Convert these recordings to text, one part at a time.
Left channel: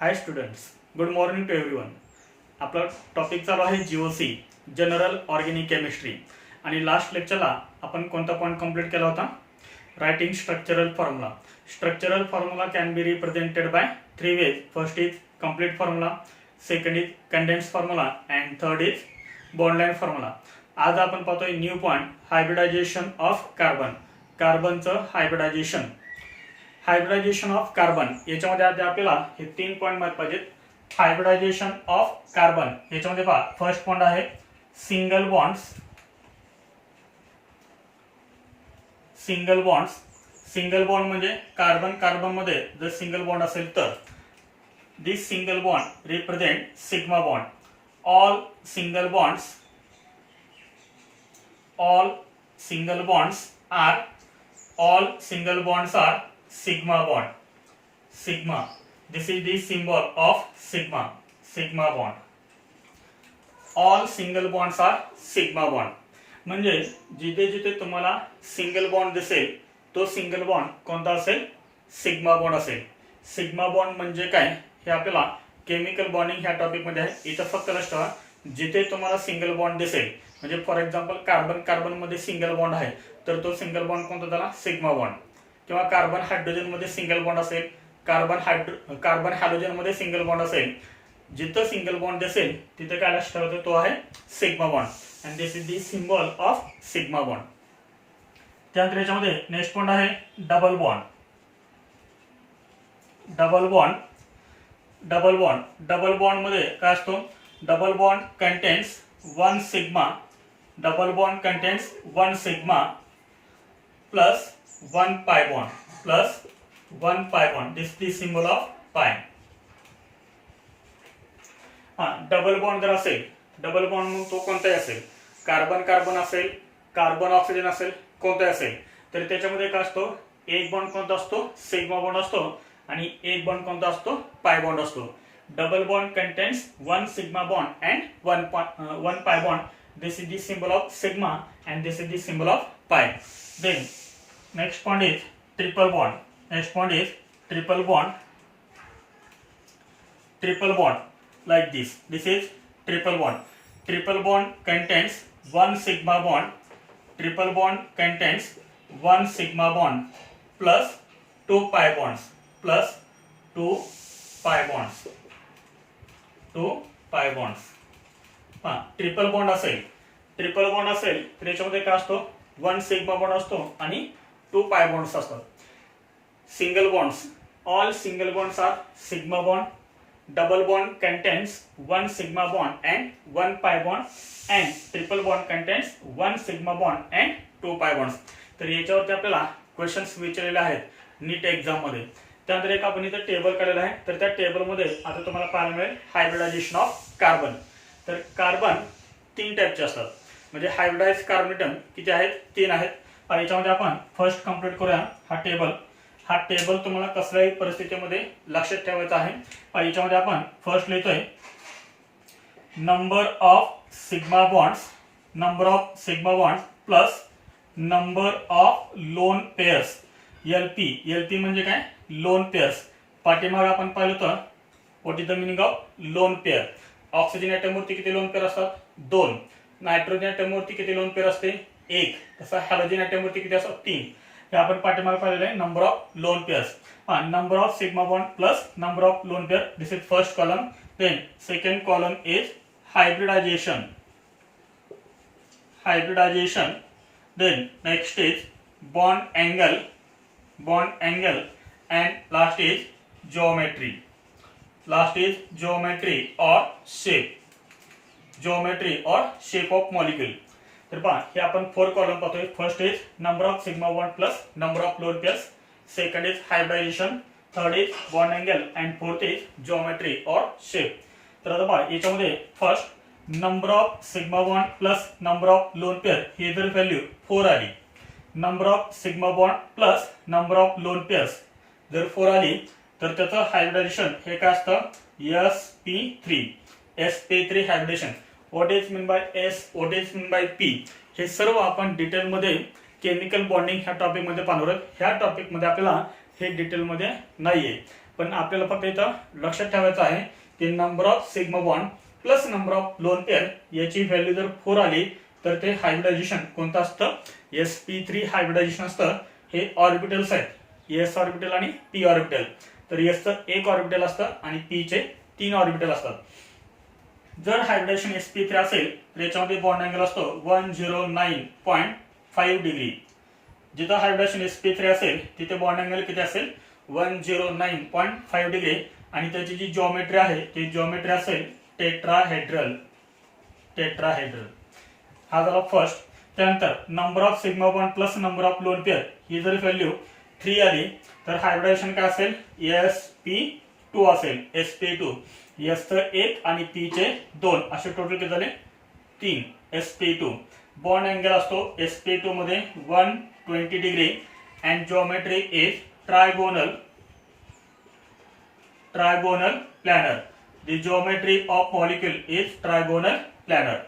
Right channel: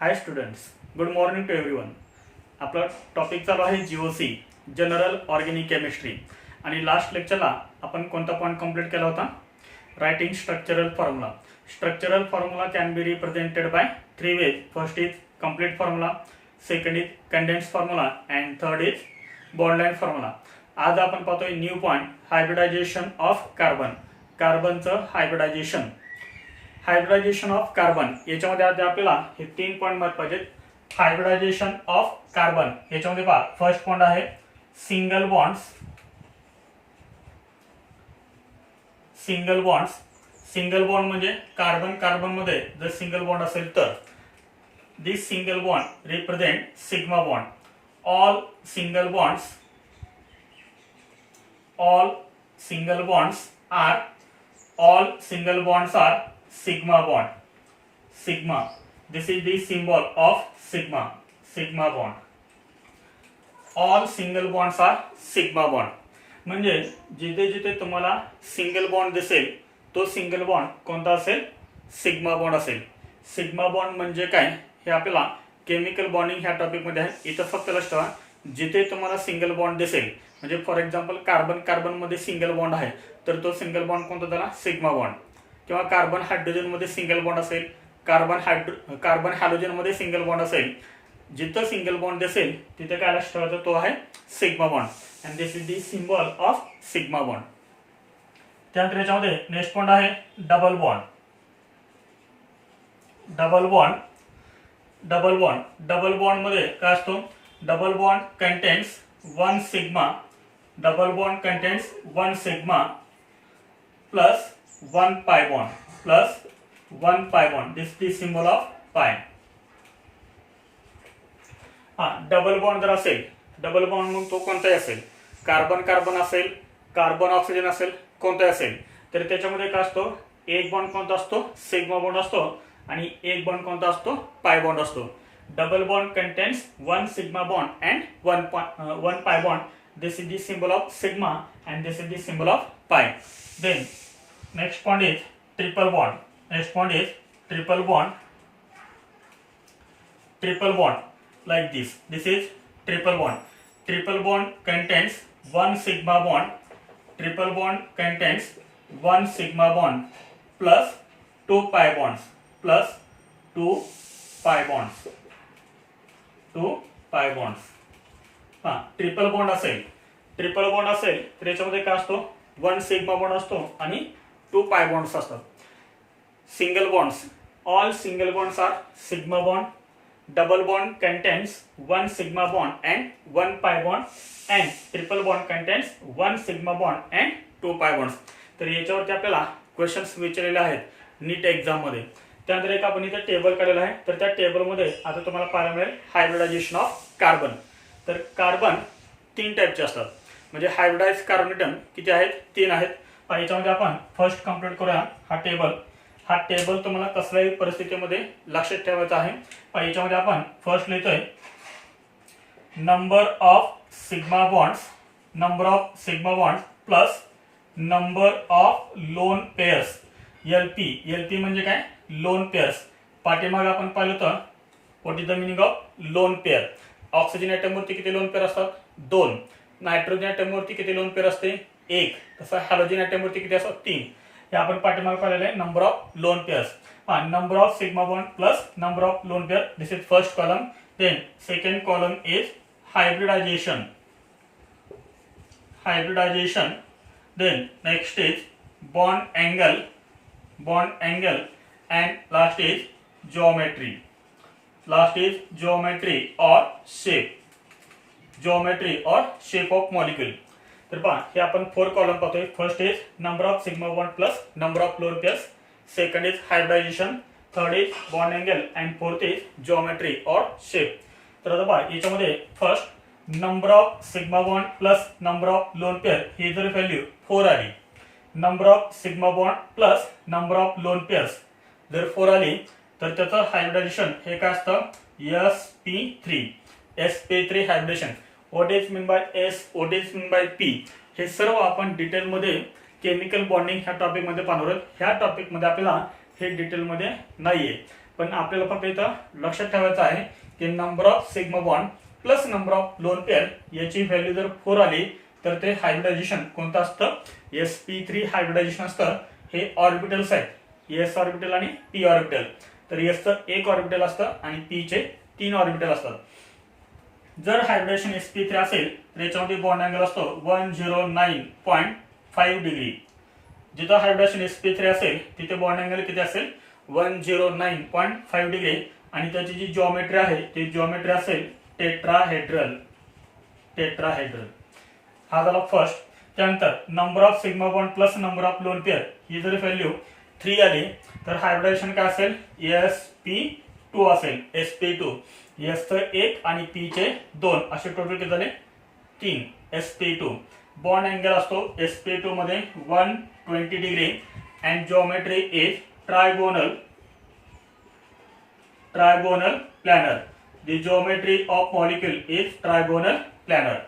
High students, good morning to everyone. आपला topic चालू आहे जीओसी जनरल ऑर्गॅनिक केमिस्ट्री. आणि लास्ट लेक्चरला आपण कोणता पॉईंट कंप्लीट केला होता? Writing structural formula. Structural formula can be represented by three ways. First is complete formula, second is condense formula and third is bond line formula. आज आपण पाहतोय new point, hybridization of carbon. कार्बनचं hybridization. Hybridization of carbon याच्यामध्ये आज आपल्याला हे 3 point माहित पाहिजेत. हायब्रिडायझेशन ऑफ कार्बन याच्यामध्ये पहा, फर्स्ट पॉईंट आहे single bonds. Single bonds, single bond म्हणजे कार्बन कार्बन मध्ये जर सिंगल बॉन्ड असेल तर this single bond represent sigma bond. All single bonds, all single bonds are sigma bond. Sigma, this is the symbol of sigma bond. All single bonds are sigma bond. म्हणजे जिथे जिथे तुम्हाला single bond दिसेल तो single bond कोणता असेल? Sigma bond असेल. Sigma bond म्हणजे काय हे आपल्याला केमिकल बॉन्डिंग ह्या टॉपिक मध्ये आहे. इथं फक्त लक्षात ठेवा, जिथे तुम्हाला सिंगल बॉन्ड दिसेल म्हणजे फॉर एक्झाम्पल कार्बन कार्बन मध्ये सिंगल बॉन्ड आहे तर तो सिंगल बॉन्ड कोणता झाला? Sigma bond. किंवा कार्बन हायड्रोजन मध्ये सिंगल बॉन्ड असेल, कार्बन हायड्रोजन मध्ये सिंगल बॉन्ड असेल, जिथं सिंगल बॉन्ड दिसेल तिथे काय लक्षात ठेवायचं? तो आहे sigma bond. And this is the symbol of sigma bond. त्यानंतर याच्यामध्ये नेक्स्ट पॉइंट आहे double bond. Double bond, double bond, double bond मध्ये काय असतो? Double bond contains one sigma. Double bond contains one sigma plus one pi bond, plus one pi bond. This is the symbol of pi. Double bond जर असेल, double bond मग तो कोणताही असेल, carbon carbon असेल, कार्बन ऑक्सिजन असेल, कोणताही असेल तर त्याच्यामध्ये काय असतो? एक बॉन्ड कोणता असतो? सिग्मा बॉन्ड असतो. आणि एक बॉन्ड कोणता असतो? पाय बॉन्ड असतो. Double bond contains one sigma bond and one pi bond. This is the symbol of sigma and this is the symbol of pi. Then next point is triple bond. Next point is triple bond. Triple bond like this. This is triple bond. Triple bond contains one sigma bond. Triple bond contains one sigma bond plus two pi bonds. Plus two pi bonds. Two pi bonds. Triple bond असेल, triple bond असेल तर याच्यामध्ये काय असतो? One sigma bond असतो आणि to pi bonds असतात. Single bonds, all single bonds are sigma bond. Double bond contains one sigma bond and one pi bond and triple bond contains one sigma bond and two pi bonds. तर याच्यावरती आपल्याला questions विचारलेले आहेत नीट exam मध्ये. त्यानंतर एक आपण इथे टेबल काढलेलं आहे, तर त्या टेबलमध्ये आता तुम्हाला पाहायला मिळेल हायब्रिडायझेशन ऑफ कार्बन. तर कार्बन 3 टाईपचे असतात. म्हणजे हायब्रिडाइज कार्बन ॲटम किती आहेत? 3 आहेत. पण याच्यामध्ये आपण फर्स्ट कंप्लीट करूया हा टेबल. हा टेबल तुम्हाला कसल्याही परिस्थितीमध्ये लक्षात ठेवायचा आहे. पण याच्यामध्ये आपण फर्स्ट लिहितोय number of sigma bonds, number of sigma bonds plus number of lone pairs. LP, LP म्हणजे काय? Lone pairs. पाठीमागे आपण पाहिलं तर what is the meaning of lone pair? Oxygen ॲटमवरती किती लोन पेअर असतात? 2. नायट्रोजन ॲटमवरती किती लोन पेअर असते? 1. तसं हायड्रोजन ॲटमवरती किती असतात? 3. हे आपण पाठीमागे पाहिलेलं आहे number of lone pairs. Number of sigma bond plus number of lone pair. This is first column. Then second column is hybridisation. Hybridisation. Then next is bond angle, bond angle and last is geometry. Last is geometry or shape. Geometry or shape of molecule. तर पहा हे आपण 4 column पाहतोय. First is number of sigma bond plus number of lone pairs. Second is hybridization. Third is bond angle and fourth is geometry और shape. तर आता पहा याच्यामध्ये first number of sigma bond plus number of lone pair ही जर value 4 आली, number of sigma bond plus number of lone pairs जर 4 आली तर त्याचं हायब्रिडायझेशन हे काय असतं? sp3. sp3 hybridization. What is mean by S, what is mean by P, हे सर्व आपण डिटेलमध्ये केमिकल बॉन्डिंग ह्या टॉपिक मध्ये पाहणार आहोत. ह्या टॉपिक मध्ये आपल्याला हे डिटेल मध्ये नाहीये. पण आपल्याला फक्त इथं लक्षात ठेवायचं आहे की number of sigma bond plus number of lone pair याची व्हॅल्यू जर 4 आली तर ते हायब्रिडायझेशन कोणतं असतं, sp3 हायब्रिडायझेशन असतं. हे ऑर्बिटल्स आहेत, s ऑर्बिटल आणि p ऑर्बिटल. तर s चं एक ऑर्बिटल असतं आणि p चे 3 ऑर्बिटल असतात. जर हायब्रिडायझेशन sp3 असेल तर याच्यामध्ये बॉन्ड अँगल असतो 109.5 डिग्री. जिथं हायब्रिडायझेशन sp3 असेल तिथे बॉन्ड अँगल किती असेल 109.5 डिग्री आणि त्याची जी जॉमेट्री आहे ती जॉमेट्री असेल टेट्राहेड्रल. हा झाला फर्स्ट. त्यानंतर number of sigma bond plus number of lone pair ही जर व्हॅल्यू 3 आली तर हायब्रिडायझेशन काय असेल sp2 असेल. sp2 s चं 1 आणि p चे 2 असे टोटल किती झाले 3 sp2. बॉन्ड अँगल असतो sp2 मध्ये 120 degree and geometry is trigonal planar. The geometry of molecule is trigonal planar.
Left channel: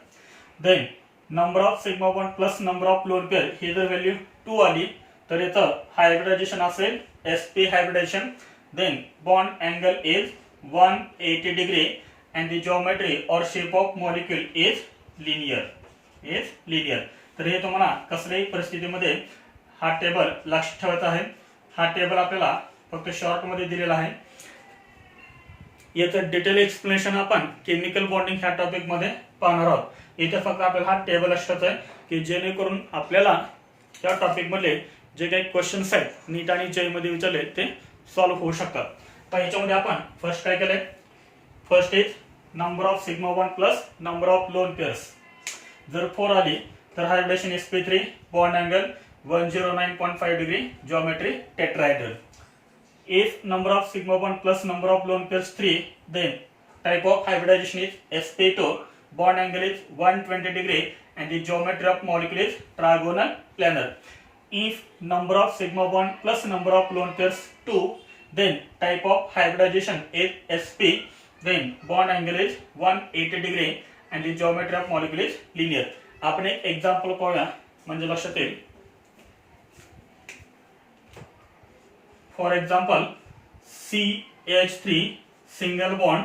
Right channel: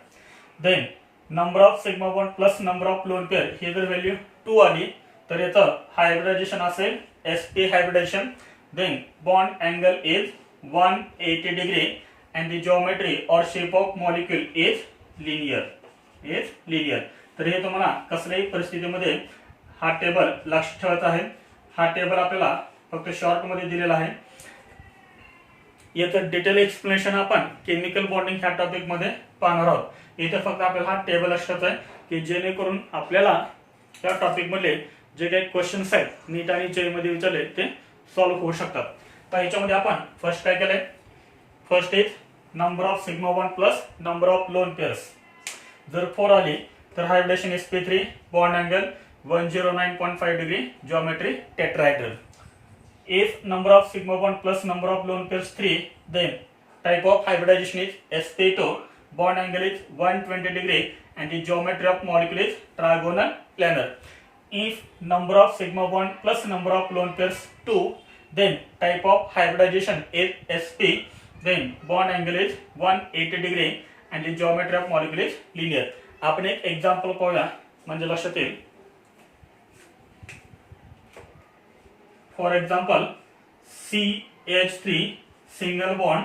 Then number of sigma bond plus number of lone pair ही जर value 2 आली तर याचं हायब्रिडायझेशन असेल sp hybridization. Then bond angle is 180 degree and the geometry or shape of molecule is linear. तर हे तुम्हाला कसल्याही परिस्थितीमध्ये हा टेबल लक्षात ठेवायचा आहे. हा टेबल आपल्याला फक्त शॉर्ट मध्ये दिलेला आहे. याचं डिटेल एक्सप्लेनेशन आपण केमिकल बॉन्डिंग ह्या टॉपिक मध्ये पाहणार आहोत. इथे फक्त आपल्याला हा टेबल लक्षात आहे की जेणेकरून आपल्याला या टॉपिक मधले जे काही क्वेश्चन्स आहेत नीट आणि जे मध्ये विचारले ते सॉल्व्ह होऊ शकतात. तर ह्याच्यामध्ये आपण फर्स्ट काय केलंय, first is number of sigma bond plus number of lone pairs. जर 4 आली तर hybridisation sp3 bond angle 109.5 degree geometry tetrahedral. If number of sigma bond plus number of lone pairs 3, then type of hybridization is sp2, bond angle is 120 degree and the geometry of molecule is trigonal planar. If number of sigma bond plus number of lone pairs 2, then type of hybridization is sp, then bond angle is 180 degree and the geometry of molecule is linear. आपण एक example पाहूया म्हणजे लक्षात येईल. For example CH3 single bond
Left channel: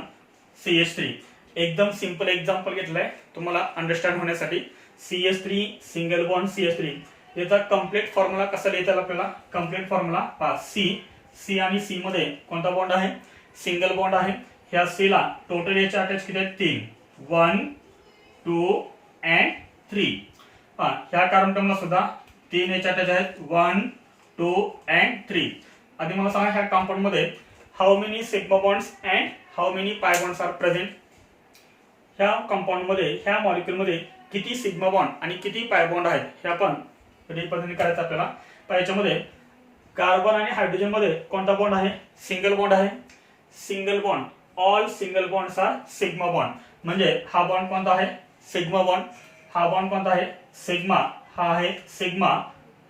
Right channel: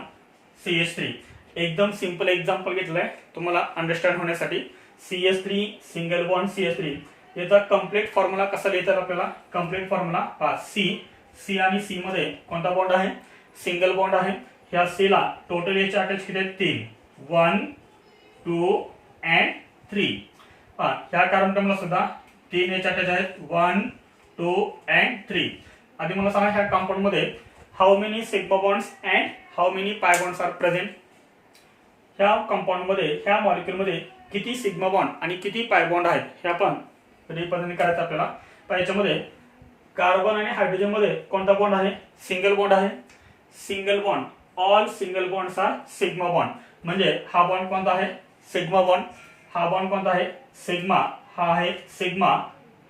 CH3. एकदम simple example घेतलंय तुम्हाला understand होण्यासाठी. CH3 सिंगल बॉन्ड CH3 याचा कम्प्लीट फॉर्म्युला कसा लिहितात आपल्याला, कम्प्लीट फॉर्म्युला पहा. C आणि C मध्ये कोणता बॉन्ड आहे, सिंगल बॉन्ड आहे. ह्या C ला टोटल याचे अटॅच किती आहेत 3, 1 2 अँड 3. ह्या कार्बन ला सुद्धा 3 याचे अटॅच आहेत 1 2 अँड 3. आधी मला सांगा ह्या कंपाऊंड मध्ये how many sigma bonds and how many पाय बॉन्ड्स आर प्रेझेंट. ह्या कंपाऊंड मध्ये ह्या मॉलिक्यूल मध्ये किती सिग्मा बॉन्ड आणि किती पाय बॉन्ड आहेत हे आपण रिप्रेझेंट करायचं आपल्याला. तर याच्यामध्ये कार्बन आणि हायड्रोजन मध्ये कोणता बॉन्ड आहे, सिंगल बॉन्ड आहे. Single bond, all single bonds are sigma bond. म्हणजे हा बॉन्ड कोणता आहे, सिग्मा बॉन्ड. हा बॉन्ड कोणता आहे, सिग्मा. हा आहे सिग्मा.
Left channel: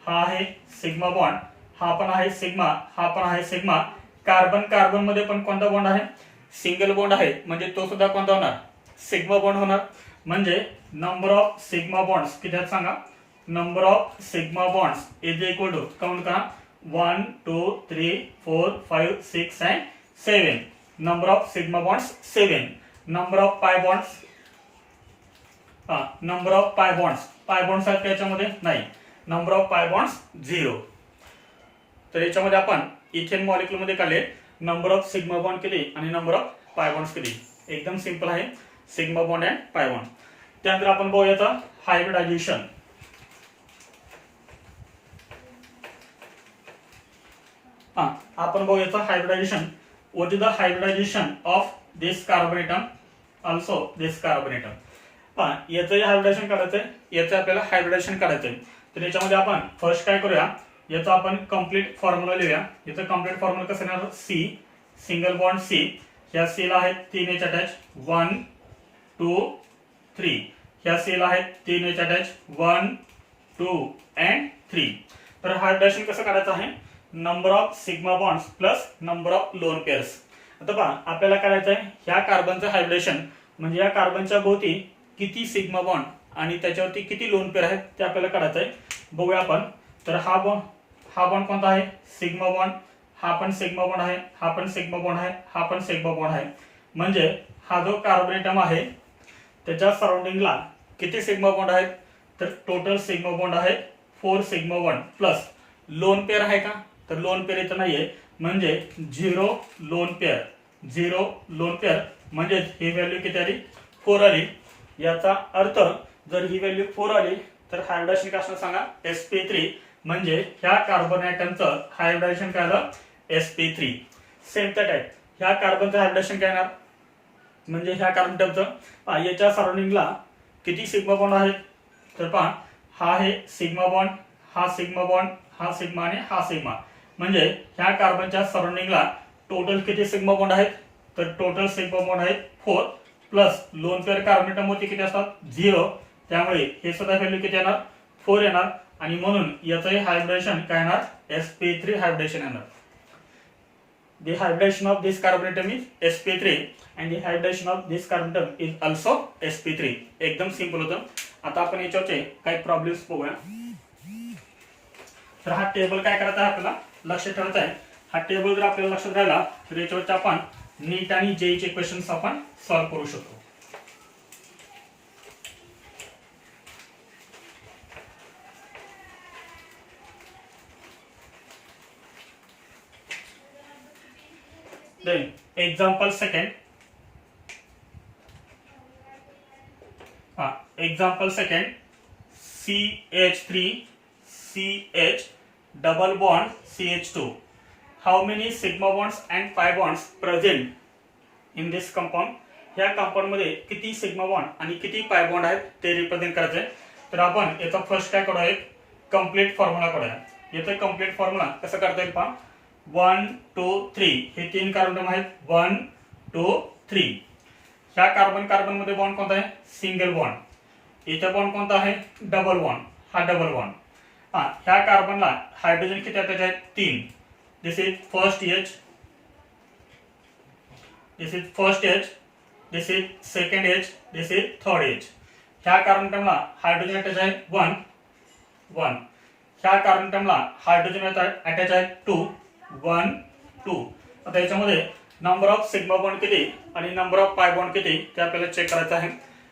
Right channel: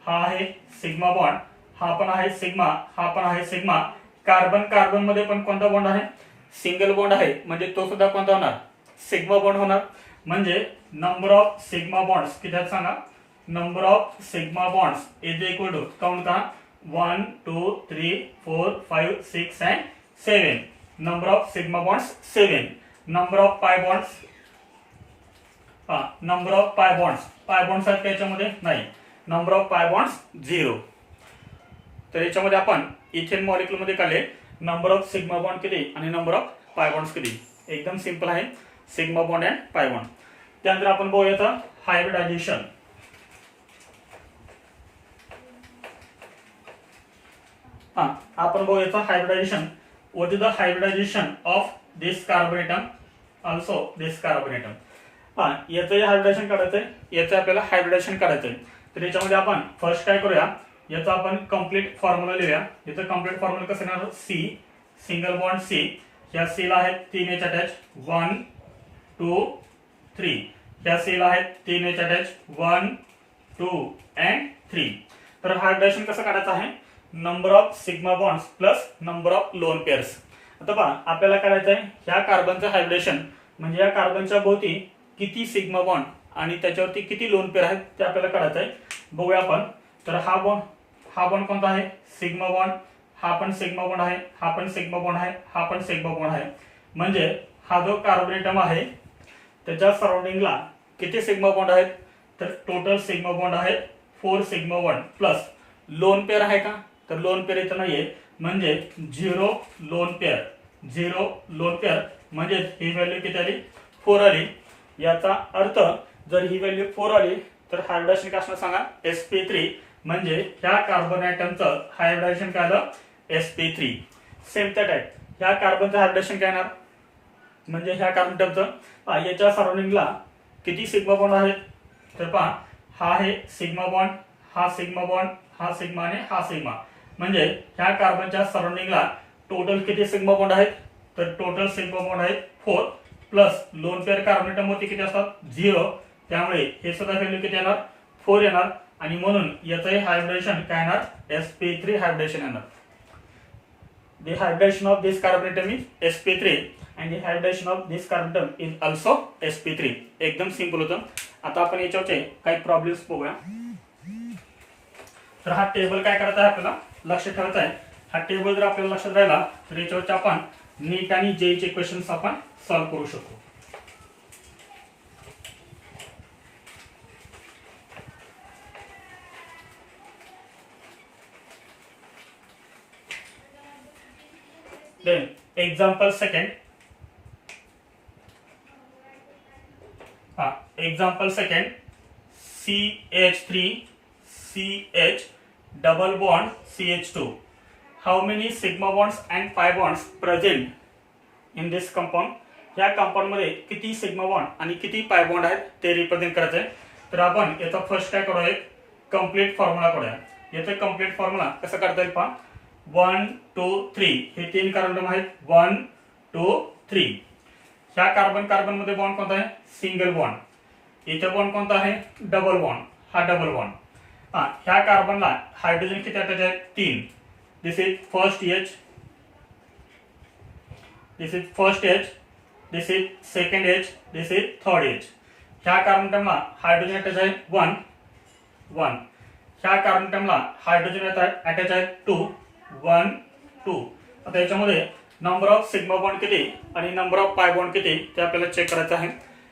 हा आहे सिग्मा बॉन्ड. हा पण आहे सिग्मा. हा पण आहे सिग्मा. कार्बन कार्बन मध्ये पण कोणता बॉन्ड आहे, सिंगल बॉन्ड आहे. म्हणजे तो सुद्धा कोणता होणार, सिग्मा बॉन्ड होणार. म्हणजे नंबर ऑफ सिग्मा बॉन्ड्स किती आहेत सांगा. Number of sigma bonds is equal to count करा 1 2 3 4 5 6 and 7. Number of sigma bonds 7. Number of pi bonds, number of pi bonds आहेत का याच्यामध्ये, नाही. Number of pi bonds 0. तर याच्यामध्ये आपण इथेन मॉलिक्यूल मध्ये काढले नंबर ऑफ सिग्मा बॉन्ड किती आणि नंबर ऑफ पाय बॉन्ड्स किती. एकदम सिंपल आहे, sigma bond and pi bond. त्यानंतर आपण बघूया हायब्रिडायझेशन. आपण बघूया hybridisation. What is the hybridisation of this carbon atom, also this carbon atom. याचं हायब्रिडायझेशन काढायचंय, याचं आपल्याला हायब्रिडायझेशन काढायचंय. तर याच्यामध्ये आपण फर्स्ट काय करूया, याचा आपण कंप्लीट फॉर्म्युला लिहूया. याचं कंप्लीट फॉर्म्युला कसं येणार, C सिंगल बॉन्ड C. ह्या C ला आहेत 3 H अटॅच 1 2 3. ह्या C ला आहेत 3 H अटॅच 1 2 अँड 3. तर हायब्रिडायझेशन कसं काढायचं आहे, number of sigma bonds plus number of lone pairs. आता पहा आपल्याला काढायचं आहे ह्या कार्बनचं हायब्रिडेशन म्हणजे या कार्बनच्या भोवती किती सिग्मा बॉन्ड आणि त्याच्यावरती किती लोन पेअर आहेत ते आपल्याला काढायचं आहे. बघूया आपण. तर हा बॉन्ड कोणता आहे, सिग्मा बॉन्ड. हा पण सिग्मा बॉन्ड आहे, हा पण सिग्मा बॉन्ड आहे, हा पण सिग्मा बॉन्ड आहे. म्हणजे हा जो कार्बन ॲटम आहे त्याच्या सराउंडिंगला किती सिग्मा बॉन्ड आहेत, तर टोटल सिग्मा बॉन्ड आहेत 4 sigma bond plus lone pair आहे का, तर लोन पेअर इथं नाहीये, म्हणजे 0 लोन पेअर, 0 लोन पेअर, म्हणजे ही व्हॅल्यू किती आली, 4 आली. याचा अर्थ जर ही व्हॅल्यू 4 आली तर हायब्रिडायजेशन काय असणार सांगा, sp3. म्हणजे ह्या कार्बन ॲटमचं हायब्रिडायजेशन काय आलं, sp3. सेम त्या टाईप ह्या कार्बनचं हायब्रिडायजेशन काय येणार, म्हणजे ह्या कार्बन ॲटमचं याच्या सराउंडिंगला किती सिग्मा बॉन्ड आहेत, तर पहा हा आहे सिग्मा बॉन्ड, हा सिग्मा बॉन्ड, हा सिग्मा आणि हा सिग्मा. म्हणजे ह्या कार्बनच्या सराउंडिंगला टोटल किती सिग्मा बॉन्ड आहेत, तर टोटल सिग्मा बॉन्ड आहेत 4 plus lone pair carbon atom वरती किती असतात, 0. त्यामुळे हे सुद्धा व्हॅल्यू किती येणार, 4 येणार. आणि म्हणून याचं हायब्रिडेशन काय येणार, sp3 हायब्रिडेशन येणार. The hybridization of this carbon atom is sp3 and the hybridization of this carbon atom is also sp3. एकदम सिंपल होतं. आता आपण याच्यावरचे काही प्रॉब्लेम्स बघूया. तर हा टेबल काय करायचा आहे आपल्याला लक्षात ठेवायचा आहे. हा टेबल जर आपल्याला लक्षात राहिला तर याच्यावरचे आपण नीट आणि जेईचे क्वेश्चन्स आपण सॉल्व्ह करू शकतो. Then example second. Example second. CH3 CH double bond CH2. How many sigma bonds and pi bonds present in this compound? ह्या कंपाऊंड मध्ये किती सिग्मा बॉन्ड आणि किती पाय बॉन्ड आहेत ते रिप्रेझेंट करायचे. तर आपण याचा फर्स्ट काय करूया, एक कंप्लीट फॉर्म्युला करूया. याचा कंप्लीट फॉर्म्युला कसं करता येईल पहा. 1 2 3 हे 3 कार्बन आहेत. 1 2 3. ह्या कार्बन मध्ये बॉन्ड कोणता आहे, सिंगल बॉन्ड. इथे बॉन्ड कोणता आहे, डबल बॉन्ड. हा डबल बॉन्ड. ह्या कार्बनला हायड्रोजन किती अटॅच आहेत, 3. This is first H, this is first H, this is second H, this is third H. ह्या कार्बन ॲटमला हायड्रोजन अटॅच आहे 1 1. ह्या कार्बन ॲटमला हायड्रोजन अटॅच आहे 2 1 2. आता याच्यामध्ये नंबर ऑफ सिग्मा बॉन्ड किती आणि नंबर ऑफ पाय बॉन्ड किती ते आपल्याला चेक करायचं आहे.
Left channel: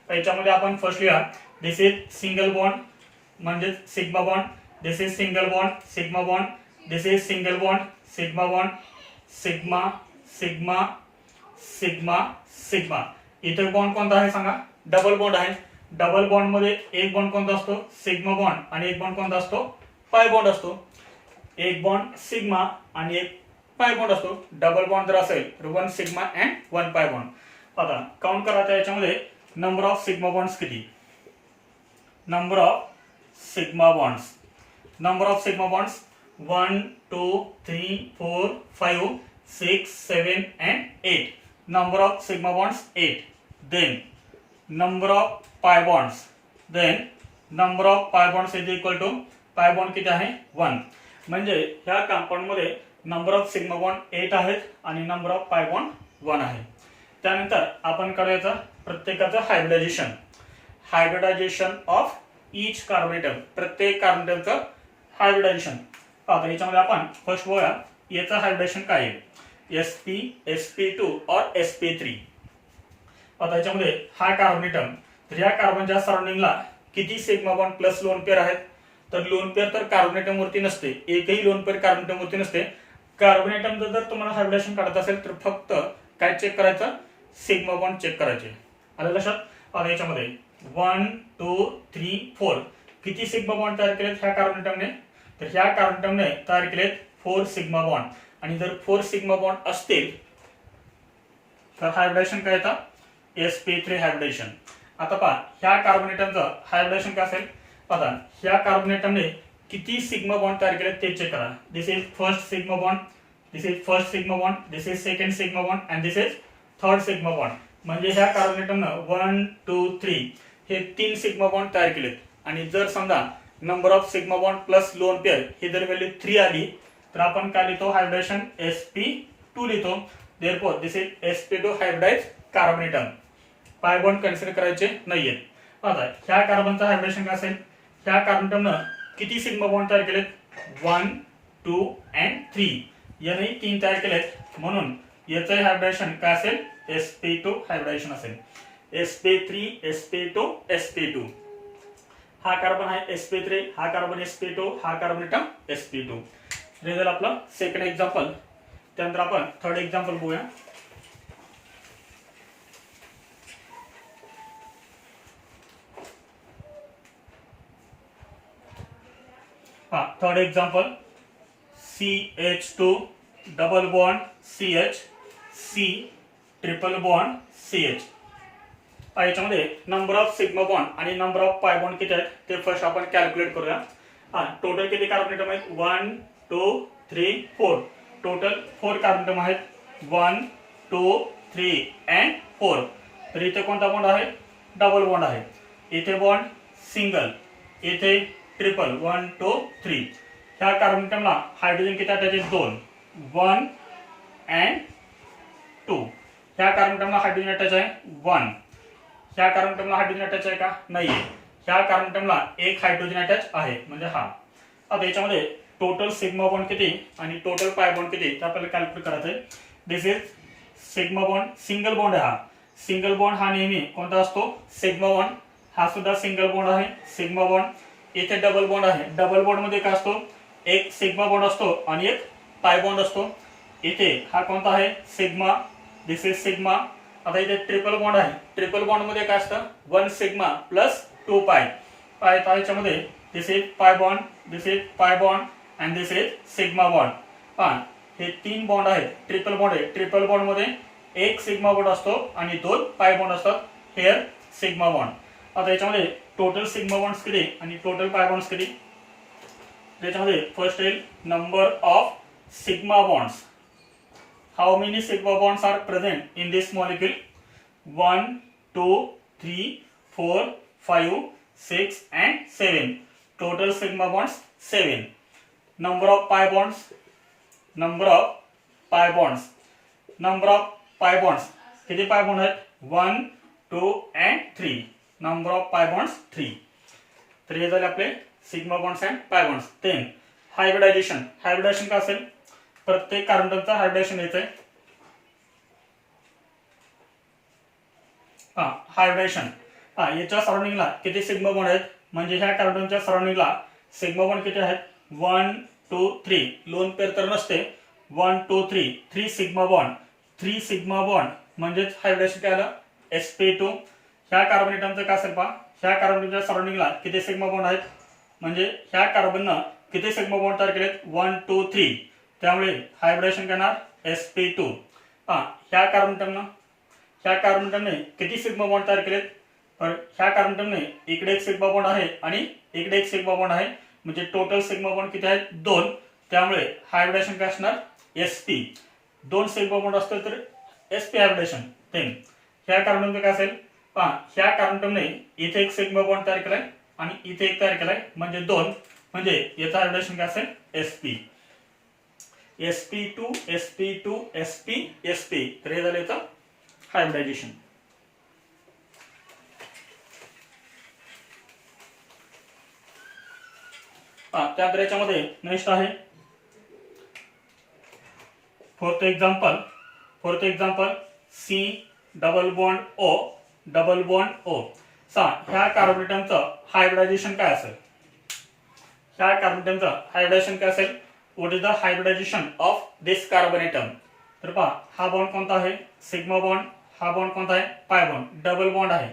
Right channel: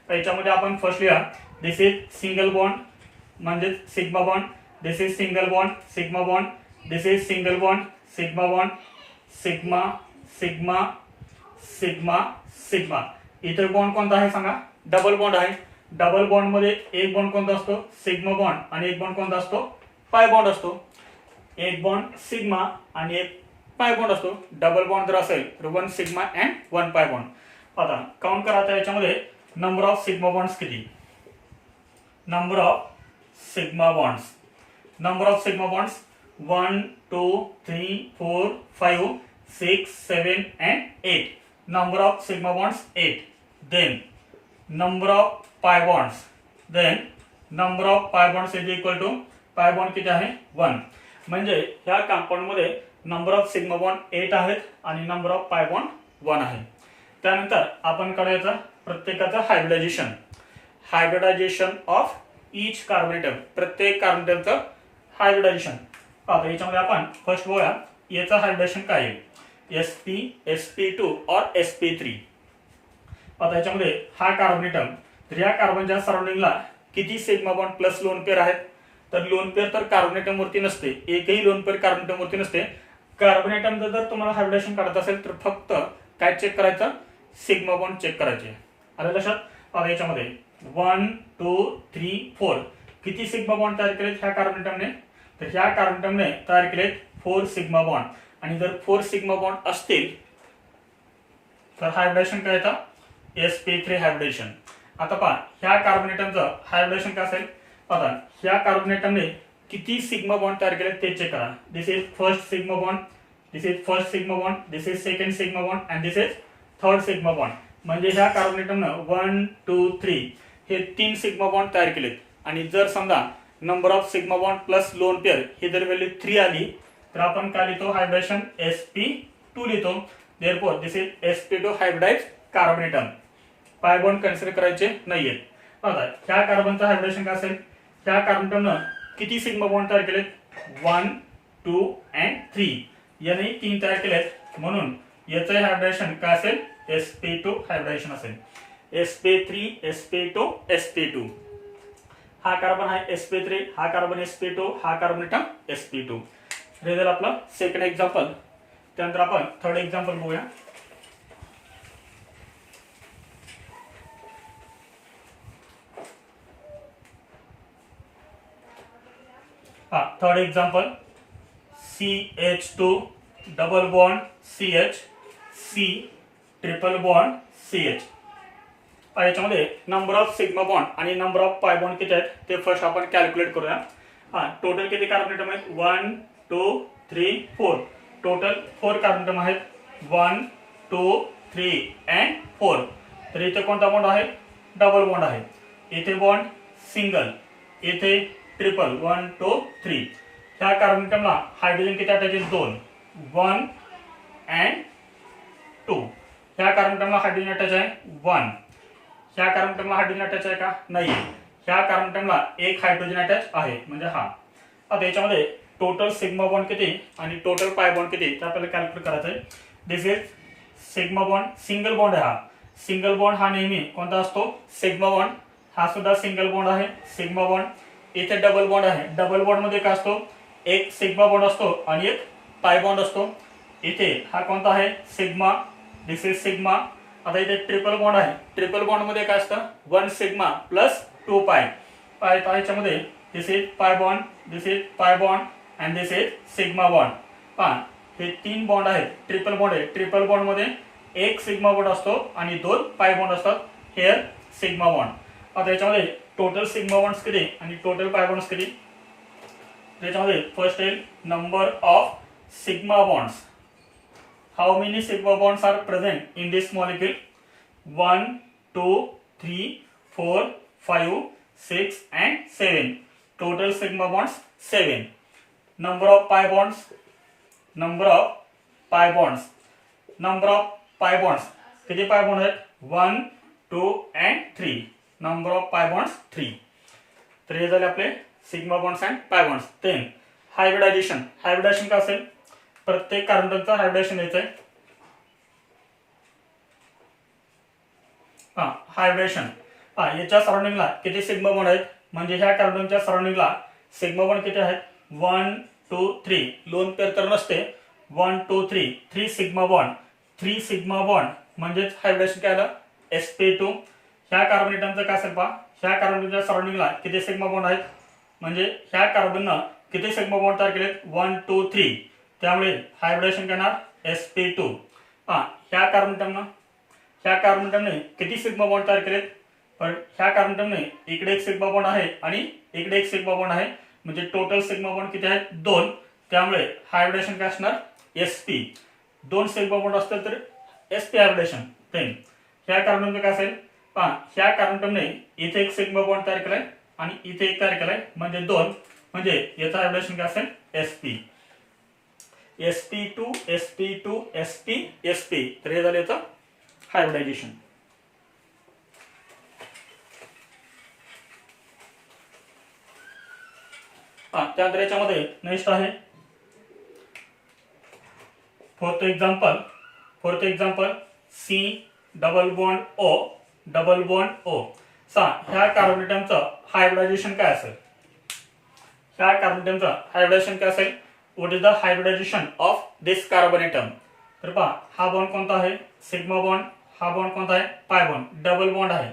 याच्यामध्ये आपण फर्स्ट लिहा, दिस इज सिंगल बॉन्ड म्हणजे sigma bond, this is single bond sigma bond, this is single bond sigma bond, sigma sigma sigma sigma. इतर बॉन्ड कोणता आहे सांगा, डबल बॉन्ड आहे. डबल बॉन्ड मध्ये एक बॉन्ड कोणता असतो, सिग्मा बॉन्ड, आणि एक बॉन्ड कोणता असतो, पाय बॉन्ड असतो. एक बॉन्ड सिग्मा आणि एक पाय बॉन्ड असतो. डबल बॉन्ड जर असेल तर 1 सिग्मा अँड 1 पाय बॉन्ड. आता काउंट करायचं याच्यामध्ये नंबर ऑफ सिग्मा बॉन्ड्स किती, number of sigma bonds, number of sigma bonds 1 2 3 4 5 6 7 and 8. Number of sigma bonds 8. Then number of pi bonds. Then number of pi bonds is equal to pi bond किती आहे 1. म्हणजे ह्या compound मध्ये number of sigma bond 8 आहेत आणि number of pi bond 1 आहे. त्यानंतर आपण करूयाचं प्रत्येकाचं hybridisation, hybridisation of each carbon atom, प्रत्येक कार्बन ॲटमचं हायब्रिडायजेशन. आता याच्यामध्ये आपण फर्स्ट बघूया याचं हायब्रिडायजेशन काय आहे, sp sp2 और sp3. आता याच्यामध्ये हा कार्बन ॲटम, तर या कार्बनच्या सराउंडिंगला किती sigma bond plus lone pair आहेत, तर लोन पेअर तर कार्बन ॲटम वरती नसते, एकही लोन पेअर कार्बन ॲटम वरती नसते. कार्बन ॲटम जर तुम्हाला हायब्रिडेशन काढायचं असेल तर फक्त काय चेक करायचं, सिग्मा बॉन्ड चेक करायचे. आलं लक्षात. आता याच्यामध्ये 1 2 3 4 किती सिग्मा बॉन्ड तयार केलेत ह्या कार्बन ॲटमने, तर ह्या कार्बन ॲटमने तयार केलेत 4 सिग्मा बॉन्ड. आणि जर 4 सिग्मा बॉन्ड असतील तर हायब्रिडेशन काय येतं, sp3 हायब्रिडेशन. आता पहा ह्या कार्बन ॲटमचं हायब्रिडेशन काय असेल. आता ह्या कार्बन ॲटमने किती सिग्मा बॉन्ड तयार केले ते चेक करा. This is first sigma bond, this is first sigma bond, this is second sigma bond and this is third sigma bond. म्हणजे ह्या कार्बन ॲटमनं 1 2 3 हे 3 सिग्मा बॉन्ड तयार केलेत. आणि जर समजा number of sigma bond plus lone pair ही जर व्हॅल्यू 3 आली तर आपण काय लिहितो, हायब्रिडेशन sp2 लिहितो. Therefore this is sp2 hybridize carbon atom. Pi bond consider करायचे नाहीयेत. आता ह्या कार्बनचं हायब्रिडेशन काय असेल, ह्या कार्बन ॲटमनं किती सिग्मा बॉन्ड तयार केलेत, 1 2 and 3. याने 3 तयार केलेत म्हणून याचं हायब्रिडेशन काय असेल sp2 हायब्रिडेशन असेल sp3 sp2 sp2 हा कार्बन आहे sp3 हा कार्बन sp2 हा कार्बन एटम sp2 हे झालं आपलं सेकंड एक्झाम्पल त्यानंतर आपण थर्ड एक्झाम्पल बघूया third example CH2 double bond CH C triple bond CH याच्यामध्ये नंबर ऑफ सिग्मा बॉन्ड आणि नंबर ऑफ पाय बॉन्ड किती आहेत ते फर्स्ट आपण कॅल्क्युलेट करूया टोटल किती कार्बन एटम आहेत 1 2 3 4 टोटल 4 कार्बन एटम आहेत 1 2 3 and 4 तर इथे कोणता बॉन्ड आहे डबल बॉन्ड आहे इथे बॉन्ड सिंगल इथे ट्रिपल 1 2 3 ह्या कार्बन एटमला हायड्रोजन किती अटॅच आहेत 2 1 and 2 ह्या कार्बन एटमला हायड्रोजन अटॅच आहे 1 ह्या कार्बन एटमला हायड्रोजन अटॅच आहे का नाहीये ह्या कार्बन एटमला एक हायड्रोजन अटॅच आहे म्हणजे हा आता याच्यामध्ये टोटल सिग्मा बॉन्ड किती आणि टोटल पाय बॉन्ड किती ते आपल्याला कॅल्क्युलेट करायचं आहे this is sigma bond single bond आहे हा सिंगल बॉन्ड हा नेहमी कोणता असतो सिग्मा बॉन्ड हा सुद्धा सिंगल बॉन्ड आहे सिग्मा बॉन्ड इथे डबल बॉन्ड आहे डबल बॉन्ड मध्ये काय असतो एक सिग्मा बॉन्ड असतो आणि एक पाय बॉन्ड असतो इथे हा कोणता आहे सिग्मा दिस इज सिग्मा आता इथे ट्रिपल बॉन्ड आहे ट्रिपल बॉन्ड मध्ये काय असतं 1 सिग्मा प्लस 2 पाय पाय पायच्यामध्ये दिस is pi bond this is पाय bond and this is sigma bond हे 3 बॉन्ड आहेत ट्रिपल बॉन्ड आहे ट्रिपल बॉन्ड मध्ये एक सिग्मा बॉन्ड असतो आणि 2 पाय बॉन्ड असतात हेअर सिग्मा बॉन्ड आता याच्यामध्ये टोटल सिग्मा बॉन्ड्स किती आणि टोटल पाय बॉन्ड्स किती त्याच्यामध्ये फर्स्ट येईल number of sigma bonds how many sigma bonds are present in this molecule 1 2 3 4 5 6 and 7 total sigma bonds 7 number of pi bonds number of pi bonds number of pi bonds किती pi bond आहेत 1 2 and 3 number of pi bonds 3 तर हे झाले आपले sigma bonds and pi bonds 10 hybridisation hybridisation काय असेल प्रत्येक कार्बनचा हायब्रिडेशन द्यायचं आहे हायब्रिडेशन याच्या सराउंडिंगला किती सिग्मा बॉन्ड आहेत म्हणजे ह्या कार्बनच्या सराउंडिंगला सिग्मा बॉन्ड किती आहेत 1 2 3 लोन पेअर तर नसते 1 2 3 3 सिग्मा बॉन्ड म्हणजेच हायब्रिडेशन काय आलं sp2 ह्या कार्बन एटमचं काय असेल पहा ह्या कार्बनच्या सराउंडिंगला किती सिग्मा बॉन्ड आहेत म्हणजे ह्या कार्बननं किती सिग्मा बॉन्ड तयार केलेत 1 2 3 त्यामुळे हायब्रिडेशन करणार sp2 ह्या कार्बन एटमने किती सिग्मा बॉन्ड तयार केलेत पण ह्या कार्बन एटमने इकडे एक सिग्मा बॉन्ड आहे आणि इकडे एक सिग्मा बॉन्ड आहे म्हणजे टोटल सिग्मा बॉन्ड किती आहेत 2 त्यामुळे हायब्रिडेशन काय असणार sp 2 सिग्मा बॉन्ड असतील तर sp हायब्रिडेशन देन ह्या कार्बन एटमने काय असेल ह्या कार्बन एटमने इथे एक सिग्मा बॉन्ड तयार केलाय आणि इथे एक तयार केलाय म्हणजे 2 म्हणजे याचं हायब्रिडेशन काय असेल sp sp2 sp2 sp sp तर हे झालं याचं हायब्रिडायझेशन त्यानंतर याच्यामध्ये नेक्स्ट आहे fourth example C double bond O ह्या कार्बन एटमचं हायब्रिडायझेशन काय असेल ह्या कार्बन एटमचं हायब्रिडायझेशन काय असेल what is the hybridisation of this carbon atom तर पहा हा बॉन्ड कोणता आहे सिग्मा बॉन्ड हा बॉन्ड कोणता आहे पाय बॉन्ड डबल बॉन्ड आहे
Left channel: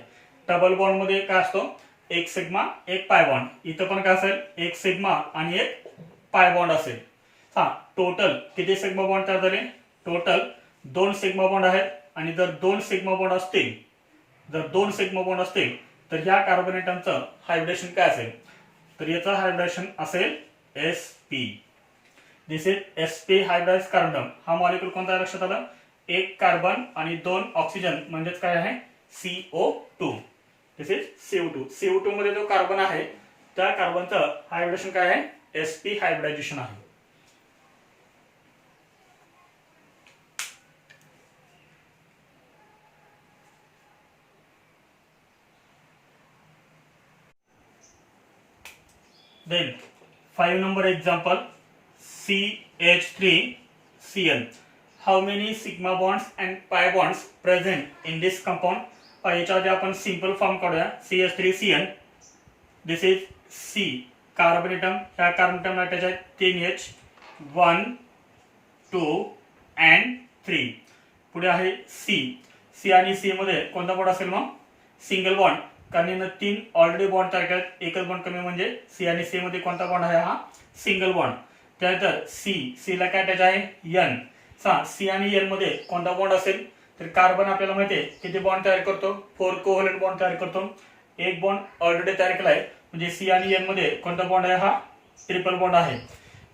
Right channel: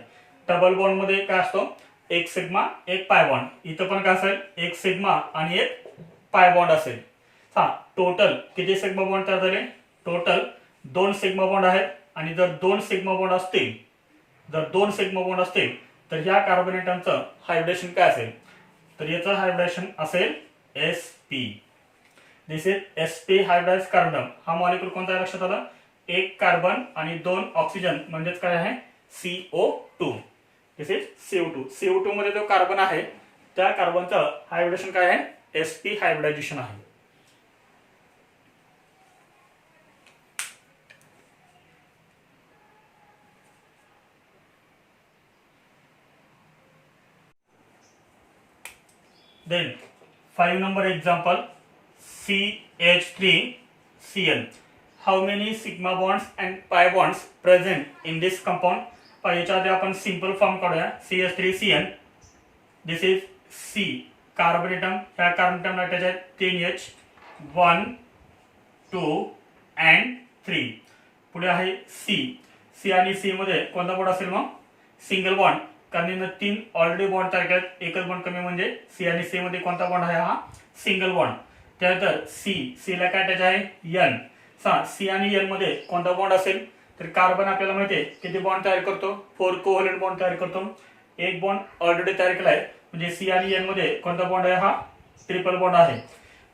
डबल बॉन्ड मध्ये काय असतो एक सिग्मा एक पाय बॉन्ड इथं पण काय असेल एक सिग्मा आणि एक पाय बॉन्ड असेल टोटल किती सिग्मा बॉन्ड तयार झाले टोटल 2 सिग्मा बॉन्ड आहेत आणि जर 2 सिग्मा बॉन्ड असतील तर ह्या कार्बन एटमचं हायब्रिडेशन काय असेल तर याचं हायब्रिडेशन असेल sp this is sp hybridised carbon हा मॉलिक्यूल कोणता लक्षात आलं एक कार्बन आणि 2 ऑक्सिजन म्हणजेच काय आहे CO2 दिस इज CO2 मध्ये जो कार्बन आहे त्या कार्बनचं हायब्रिडेशन काय आहे sp हायब्रिडायझेशन आहे then 5 number example CH3 Cl. How many sigma bonds and pi bonds present in this compound? याच्या आधी आपण सिंपल फॉर्म काढूया. CH3Cl. This is C carbon atom. ह्या कार्बन एटमला अटॅच आहे 3H 1 2 and 3. पुढे आहे C आणि C मध्ये कोणता बॉन्ड असेल मग? Single bond. कारण इथं 3 ऑलरेडी बॉन्ड तयार केलेत, एकच बॉन्ड कमी म्हणजे C आणि C मध्ये कोणता बॉन्ड आहे? हा सिंगल बॉन्ड. त्यानंतर C ला काय अटॅच आहे? N. C आणि N मध्ये कोणता बॉन्ड असेल? तर कार्बन आपल्याला माहिती आहे किती बॉन्ड तयार करतो? 4 कोव्हॅलेंट बॉन्ड तयार करतो. एक बॉन्ड ऑलरेडी तयार केला आहे म्हणजे C आणि N मध्ये कोणता बॉन्ड आहे? हा ट्रिपल बॉन्ड आहे.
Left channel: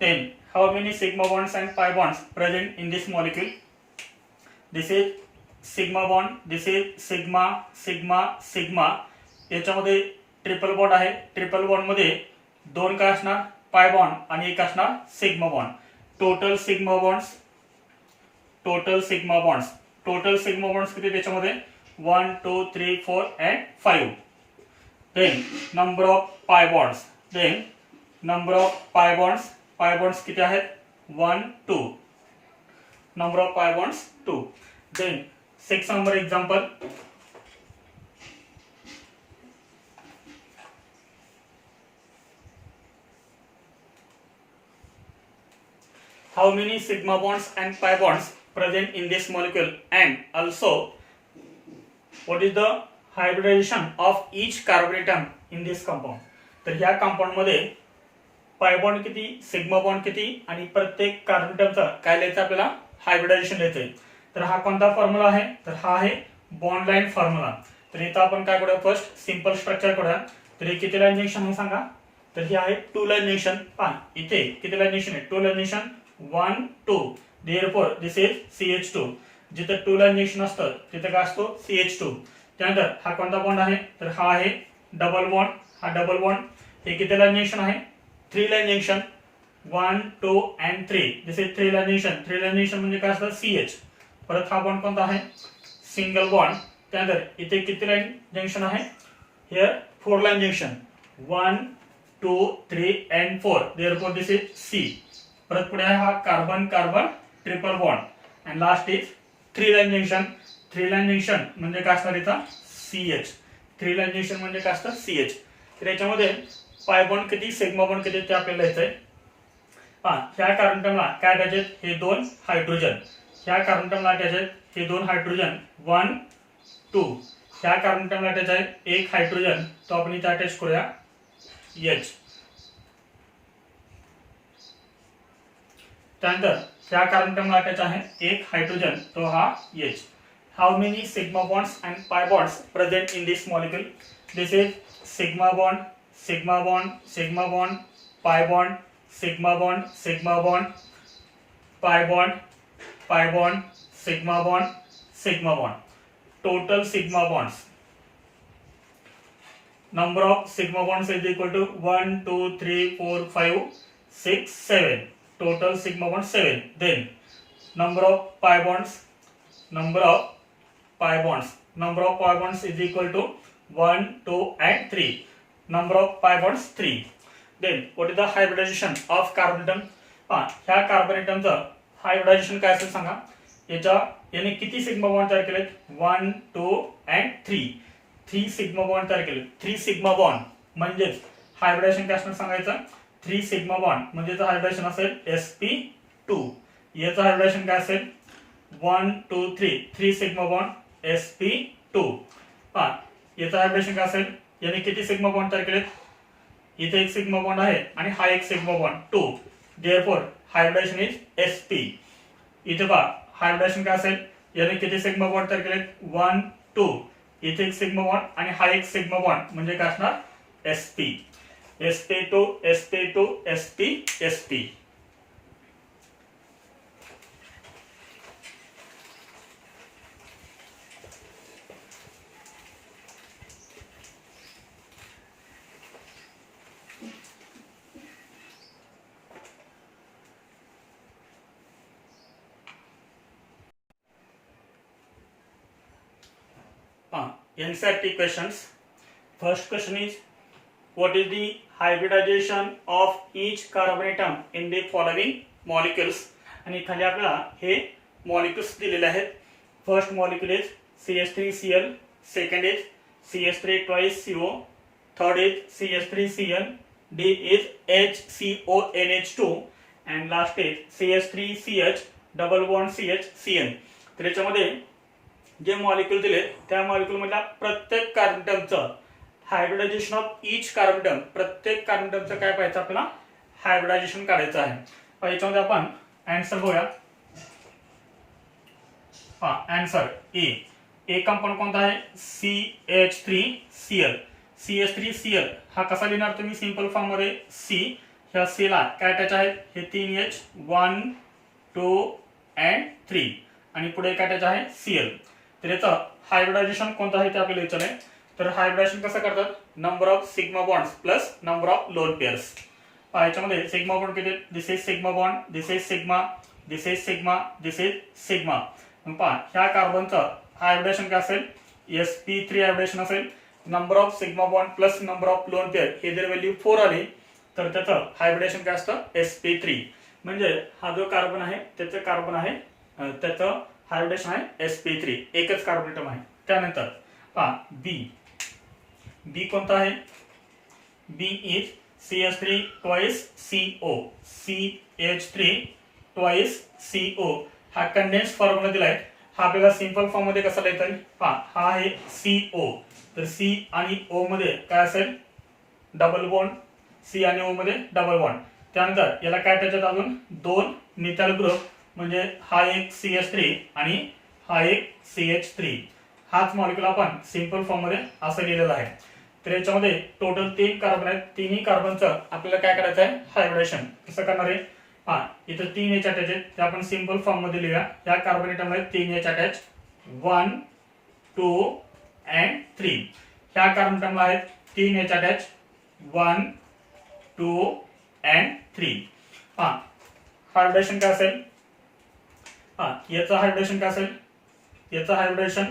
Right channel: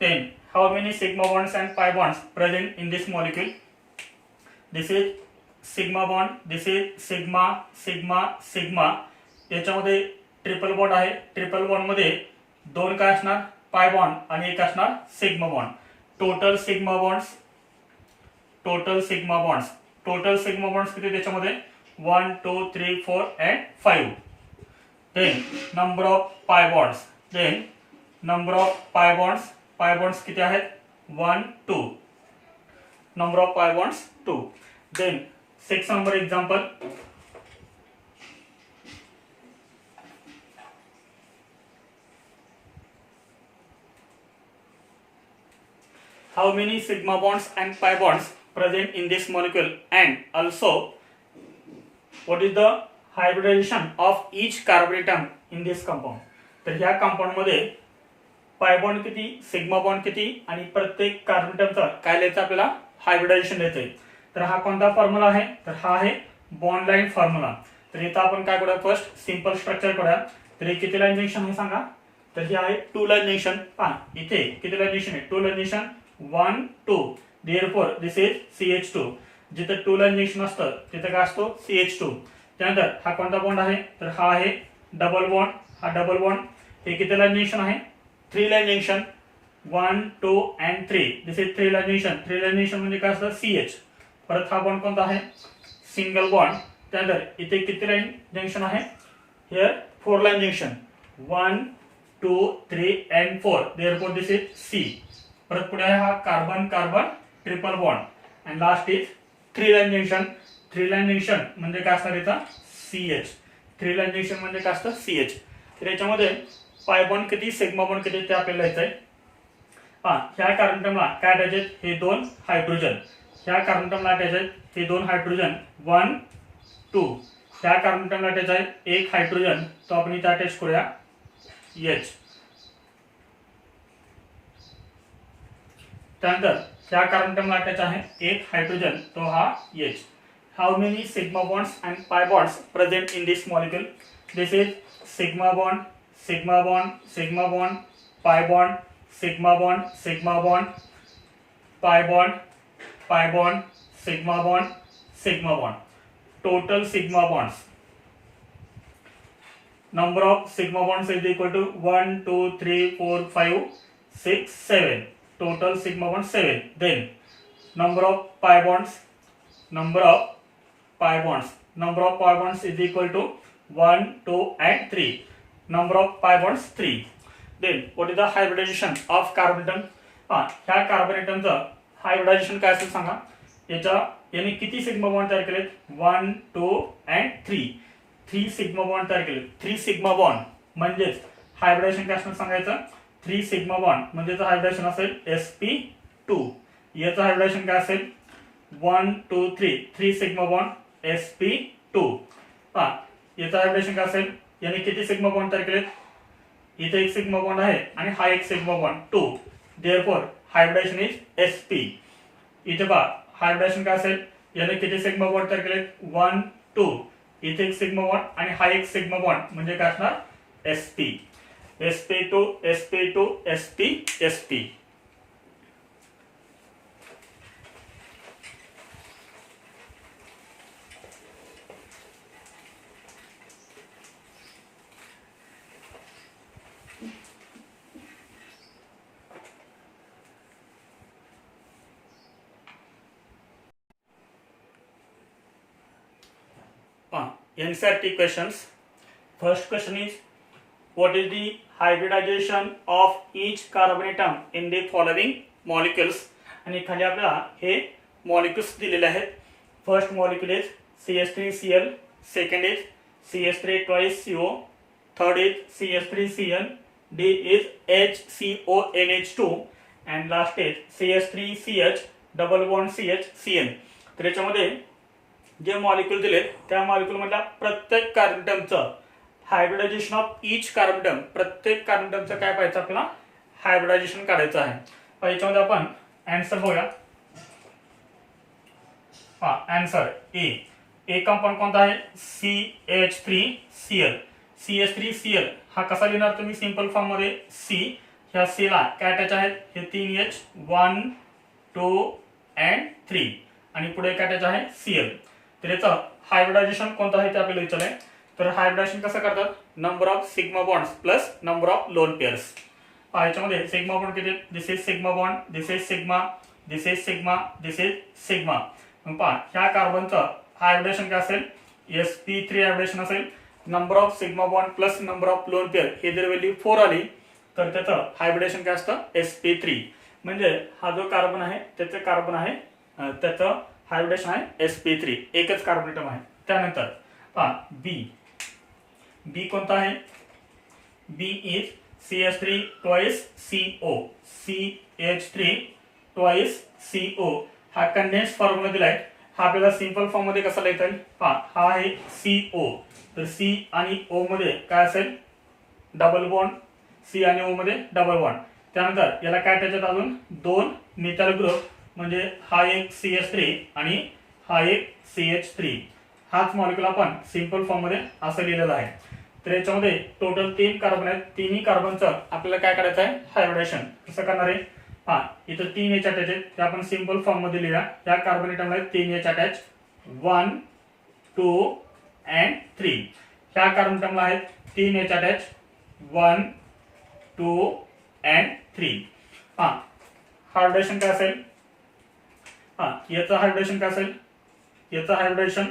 Then how many sigma bonds and pi bonds present in this molecule? This is sigma bond, this is sigma sigma sigma. याच्यामध्ये ट्रिपल बॉन्ड आहे. ट्रिपल बॉन्ड मध्ये 2 काय असणार? पाय बॉन्ड आणि एक असणार sigma bond. Total sigma bonds किती त्याच्यामध्ये? 1 2 3 4 and 5. Then number of pi bonds. Pi bonds किती आहेत? 1 2. Number of pi bonds 2. Then 6 number example. How many sigma bonds and pi bonds present in this molecule, and also what is the hybridization of each carbon atom in this compound? तर ह्या compound मध्ये pi bond किती, sigma bond किती आणि प्रत्येक carbon एटमचा काय लिहायचं आपल्याला? हायब्रिडायझेशन लिहायचंय. तर हा कोणता फॉर्म्युला आहे? तर हा आहे बॉन्ड लाईन फॉर्म्युला. तर इथं आपण काय करूया? फर्स्ट सिंपल स्ट्रक्चर करूया. तर हे किती लाईन जंक्शन आहे सांगा? तर हे आहे 2 लाईन जंक्शन. पहा इथे किती लाईन जंक्शन आहे? 2 line junction 1 2. Therefore this is CH2. जिथे 2 लाईन जंक्शन असतं तिथे काय असतो? CH2. त्यानंतर हा कोणता बॉन्ड आहे? तर हा आहे डबल बॉन्ड. हा डबल बॉन्ड. हे किती लाईन जंक्शन आहे? 3 line junction 1 2 and 3. This is 3 line junction. 3 line junction म्हणजे काय असतं? CH. परत हा बॉन्ड कोणता आहे? Single bond. त्यानंतर इथे किती लाईन जंक्शन आहे? Here 4 line junction 1 2 3 and 4. Therefore this is C. परत पुढे हा carbon carbon triple bond. And last is 3 line junction. 3 line junction म्हणजे काय असणार इथं? CH. 3 लाईन जंक्शन म्हणजे काय असतं? CH. तर याच्यामध्ये पाय बॉन्ड किती, सिग्मा बॉन्ड किती ते आपल्याला लिहायचंय. ह्या कार्बन एटमला काय अटॅच आहेत? हे 2 हायड्रोजन. ह्या कार्बन एटमला अटॅच आहेत हे 2 हायड्रोजन 1 2. ह्या कार्बन एटमला अटॅच आहे एक हायड्रोजन, तो आपण इथे अटॅच करूया H. त्यानंतर ह्या कार्बन एटमला अटॅच आहे एक हायड्रोजन, तो हा H. How many sigma bonds and pi bonds present in this molecule? This is sigma bond sigma bond sigma bond, pi bond sigma bond sigma bond, pi bond sigma bond. Total sigma bonds. Number of sigma bonds is equal to 1 2 3 4 5 6 7. Total sigma bonds 7. Then number of pi bonds is equal to 1 2 and 3. Number of pi bonds 3. Then what is the hybridization of carbon atom? ह्या carbon एटमचं hybridisation काय असेल सांगा? याने किती sigma bond तयार केलेत? 1 2 and 3. 3 sigma bond तयार केले. 3 सिग्मा बॉन्ड म्हणजेच हायब्रिडायझेशन काय असणार सांगायचं? 3 सिग्मा बॉन्ड म्हणजे हायब्रिडायझेशन असेल sp2. याचं हायब्रिडायझेशन काय असेल? 1 2 3. 3 सिग्मा बॉन्ड sp2. याचं हायब्रिडायझेशन काय असेल? याने किती सिग्मा बॉन्ड तयार केलेत? इथे एक सिग्मा बॉन्ड आहे आणि हा एक sigma bond 2. Therefore hybridisation is sp. इथे पहा हायब्रिडायझेशन काय असेल? याने किती सिग्मा बॉन्ड तयार केलेत? 1 2. इथे एक सिग्मा बॉन्ड आणि हा एक सिग्मा बॉन्ड म्हणजे काय असणार? sp. sp2 sp2 sp sp. NCERT questions. First question is, what is the hybridization of each carbon atom in the following molecules? आणि खाली आपल्याला हे मॉलिक्युल्स दिलेले आहेत. First molecule is CH3Cl, second is CH3 twice CO, third is CH3Cl, D is HCONH2 and last is CH3CH double bond CH तर याच्यामध्ये जे molecule दिले त्या मॉलिक्युल मधल्या प्रत्येक कार्बनटमचं हायब्रिडायझेशन ऑफ ईच कार्बनटम, प्रत्येक कार्बनटमचं काय पाहायचं आपल्याला हायब्रिडायझेशन काढायचं आहे. तर याच्यामध्ये आपण आन्सर बघूया. आन्सर ए कंपाऊंड कोणता आहे CH3Cl. CH3Cl हा कसा लिहिणार तुम्ही सिंपल फॉर्म मध्ये C, ह्या C ला काय अटॅच आहेत हे 3H 1 2 and 3 आणि पुढे काय अटॅच आहे Cl. तर याचं हायब्रिडायझेशन कोणतं आहे ते आपल्याला विचारलंय. तर हायब्रिडायझेशन कसं करतात number of sigma bonds plus number of lone pairs. याच्यामध्ये सिग्मा बॉन्ड किती this is sigma bond, this is sigma, this is sigma, this is sigma. मग पहा ह्या कार्बनचं हायब्रिडेशन काय असेल sp3 हायब्रिडेशन असेल. Number of sigma bond plus number of lone pair हे जर व्हॅल्यू 4 आली तर त्याचं हायब्रिडेशन काय असतं sp3. म्हणजे हा जो कार्बन आहे त्याचं कार्बन आहे त्याचं हायब्रिडेशन आहे sp3, एकच कार्बन ॲटम आहे. त्यानंतर पहा बी कोणता आहे B is CH3 twice CO, CH3 twice CO हा कंडेन्स फॉर्म्युला दिलाय. हा आपल्याला सिंपल फॉर्म मध्ये कसा लिहिता येईल हा आहे CO. तर C आणि O मध्ये काय असेल डबल बॉन्ड, C आणि O मध्ये डबल बॉन्ड. त्यानंतर याला काय त्याच्यात अजून दोन मिथाइल ग्रुप म्हणजे हा एक CH3 आणि हा एक CH3. हाच मॉलिक्युल आपण सिंपल फॉर्म मध्ये असं लिहिलेला आहे. तर याच्यामध्ये टोटल 3 कार्बन आहेत. तिन्ही कार्बनचं आपल्याला काय करायचं आहे हायब्रिडेशन. कसं करणार आहे इथं 3H अटॅच आहेत ते आपण सिंपल फॉर्म मध्ये लिहूया. या कार्बन ॲटमला 3H अटॅच 1 2 and 3. ह्या कार्बन ॲटमला आहेत 3H अटॅच 1 2 and 3. हायब्रिडेशन काय असेल याचं हायब्रिडेशन काय असेल याचं हायब्रिडेशन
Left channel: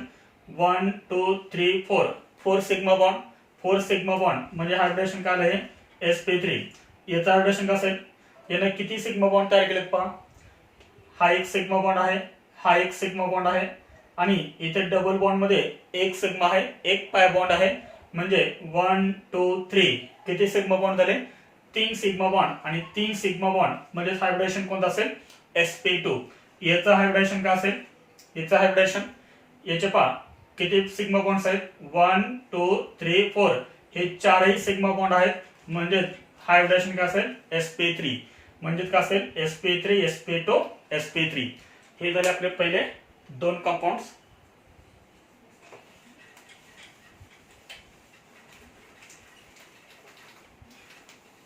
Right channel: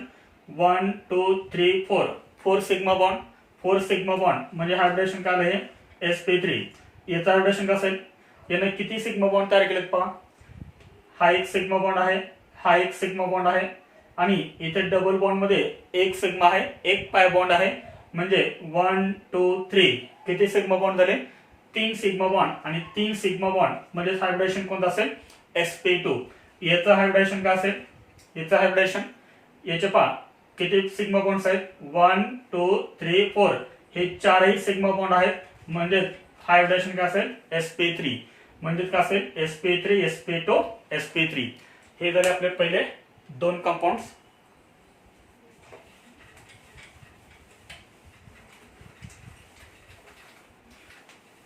1 2 3 4 सिग्मा बॉन्ड, 4 सिग्मा बॉन्ड म्हणजे हायब्रिडेशन काय आलं हे sp3. याचं हायब्रिडेशन काय असेल याने किती सिग्मा बॉन्ड तयार केलेत पहा. हा एक सिग्मा बॉन्ड आहे, हा एक सिग्मा बॉन्ड आहे आणि इथे डबल बॉन्ड मध्ये एक सिग्मा आहे, एक पाय बॉन्ड आहे. म्हणजे 1 2 3 किती सिग्मा बॉन्ड झाले 3 सिग्मा बॉन्ड आणि 3 सिग्मा बॉन्ड म्हणजे हायब्रिडेशन कोणतं असेल sp2. याचं हायब्रिडेशन काय असेल याचं हायब्रिडेशन याचे पहा किती सिग्मा बॉन्ड्स आहेत 1 2 3 4 हे चारही सिग्मा बॉन्ड आहेत. म्हणजे हायब्रिडेशन काय असेल sp3. म्हणजे काय असेल sp3 sp2 sp3. हे झाले आपले पहिले दोन कंपाऊंड्स.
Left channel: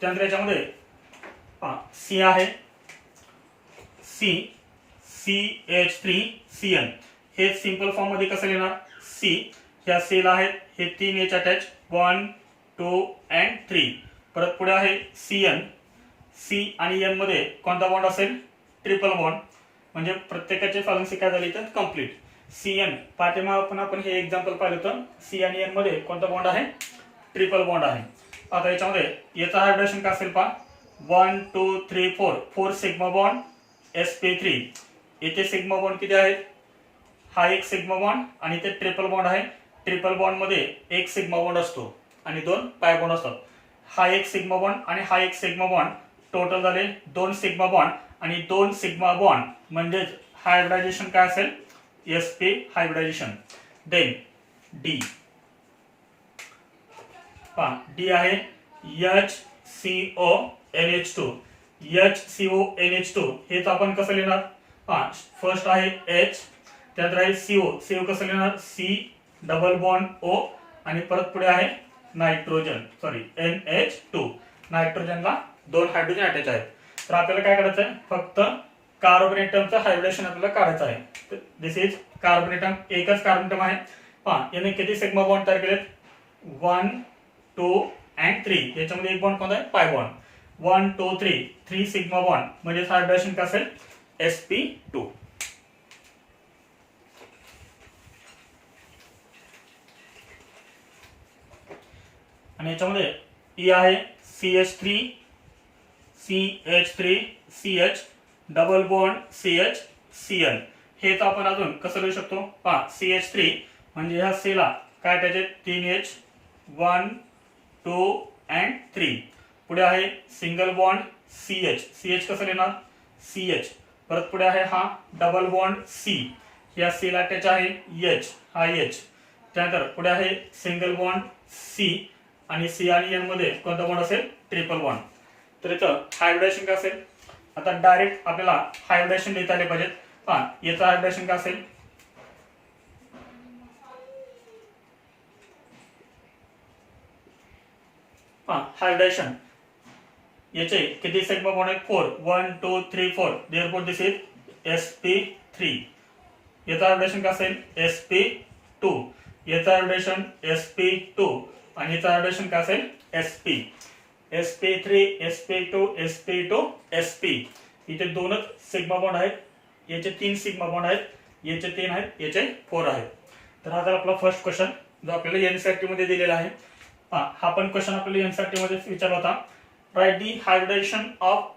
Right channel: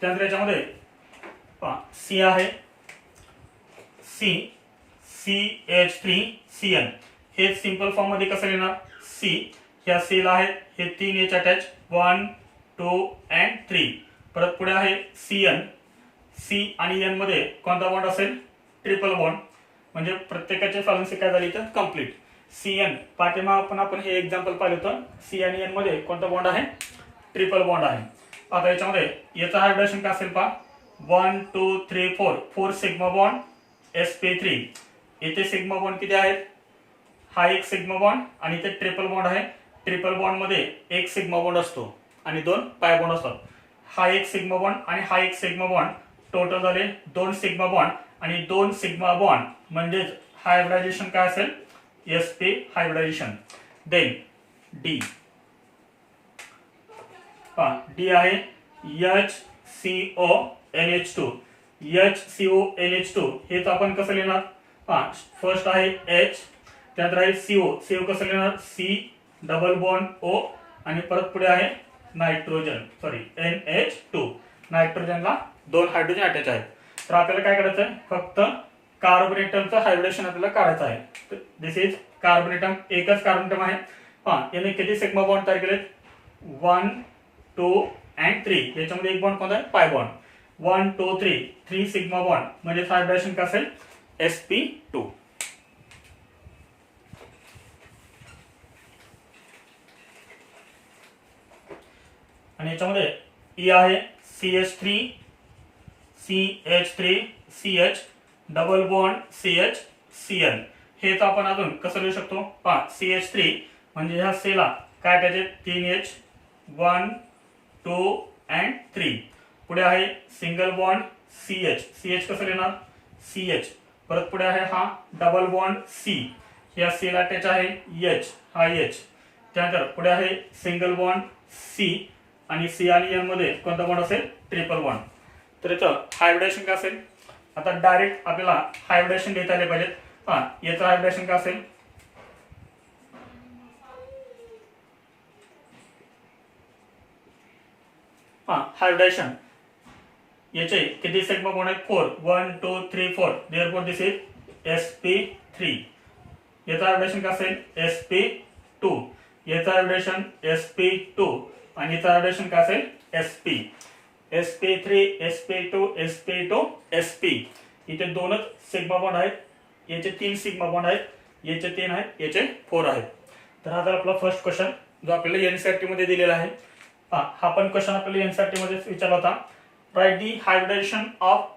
त्यानंतर याच्यामध्ये C आहे CH3Cl. हे सिंपल फॉर्म मध्ये कसं लिहिणार C, ह्या C ला आहे हे 3H अटॅच 1 2 and 3. परत पुढे आहे Cn. C आणि N मध्ये कोणता बॉन्ड असेल ट्रिपल बॉन्ड. म्हणजे प्रत्येकाची फ्रिक्वेन्सी काय झाली तर कंप्लीट. Cn पाठीमागे आपण हे एक्झाम्पल पाहिलं तर C आणि N मध्ये कोणता बॉन्ड आहे ट्रिपल बॉन्ड आहे. आता याच्यामध्ये याचा हायब्रिडेशन काय असेल पहा 1 2 3 4 सिग्मा बॉन्ड sp3. येथे सिग्मा बॉन्ड किती आहेत हा एक सिग्मा बॉन्ड आणि इथे ट्रिपल बॉन्ड आहे. ट्रिपल बॉन्ड मध्ये एक सिग्मा बॉन्ड असतो आणि दोन पाय बॉन्ड असतात. हा एक सिग्मा बॉन्ड आणि हा एक सिग्मा बॉन्ड टोटल झाले 2 सिग्मा बॉन्ड आणि 2 सिग्मा बॉन्ड म्हणजे हायब्रिडायझेशन काय असेल sp hybridisation. Then D D आहे HCONH2. HCONH2 हेच आपण कसं लिहिणार फर्स्ट आहे H, त्यानंतर आहे CO कसं लिहिणार C डबल बॉन्ड O आणि परत पुढे आहे नायट्रोजन NH2. नायट्रोजनला 2 हायड्रोजन अटॅच आहेत. तर आपल्याला काय करायचं आहे फक्त कार्बन ॲटमचं हायब्रिडेशन आपल्याला काढायचं आहे. दिस इज कार्बन ॲटम, एकच कार्बन ॲटम आहे. याने किती सिग्मा बॉन्ड तयार केलेत 1 2 and 3. याच्यामध्ये एक बॉन्ड कोणता आहे पाय बॉन्ड 1 2 3 सिग्मा बॉन्ड म्हणजे हायब्रिडेशन काय असेल sp2. आणि याच्यामध्ये E आहे CH3CH डबल बॉन्ड CH हेच आपण अजून कसं लिहू शकतो पहा CH3 म्हणजे ह्या सीला काय त्याचे 3H 1 2 and 3 पुढे आहे सिंगल बॉन्ड CH कसं लिहिणार CH परत पुढे आहे हा डबल बॉन्ड C या C ला अटॅच आहे H हा H त्यानंतर पुढे आहे सिंगल बॉन्ड C आणि C आणि N मध्ये कोणता बॉन्ड असेल ट्रिपल बॉन्ड तर इथं हायब्रिडेशन काय असेल आता डायरेक्ट आपल्याला हायब्रिडेशन देता आले पाहिजेत पहा याचं हायब्रिडेशन काय असेल हायब्रिडेशन याचे किती सिग्मा बॉन्ड आहेत 4 1 2 3 4 देयरफॉर दिस इज sp3 याचा हायब्रिडेशन काय असेल sp2 याचा हायब्रिडेशन sp2 आणि याचा हायब्रिडेशन काय असेल sp sp3 sp2 sp2 sp इथे दोनच सिग्मा बॉन्ड आहेत याचे 3 सिग्मा बॉन्ड आहेत याचे 3 आहेत याचे 4 आहेत तर हा आपला फर्स्ट क्वेश्चन जो आपल्याला एनसीईआरटी मध्ये दिलेला आहे हा पण क्वेश्चन आपल्याला एनसीईआरटी मध्ये विचारला होता write the hybridization of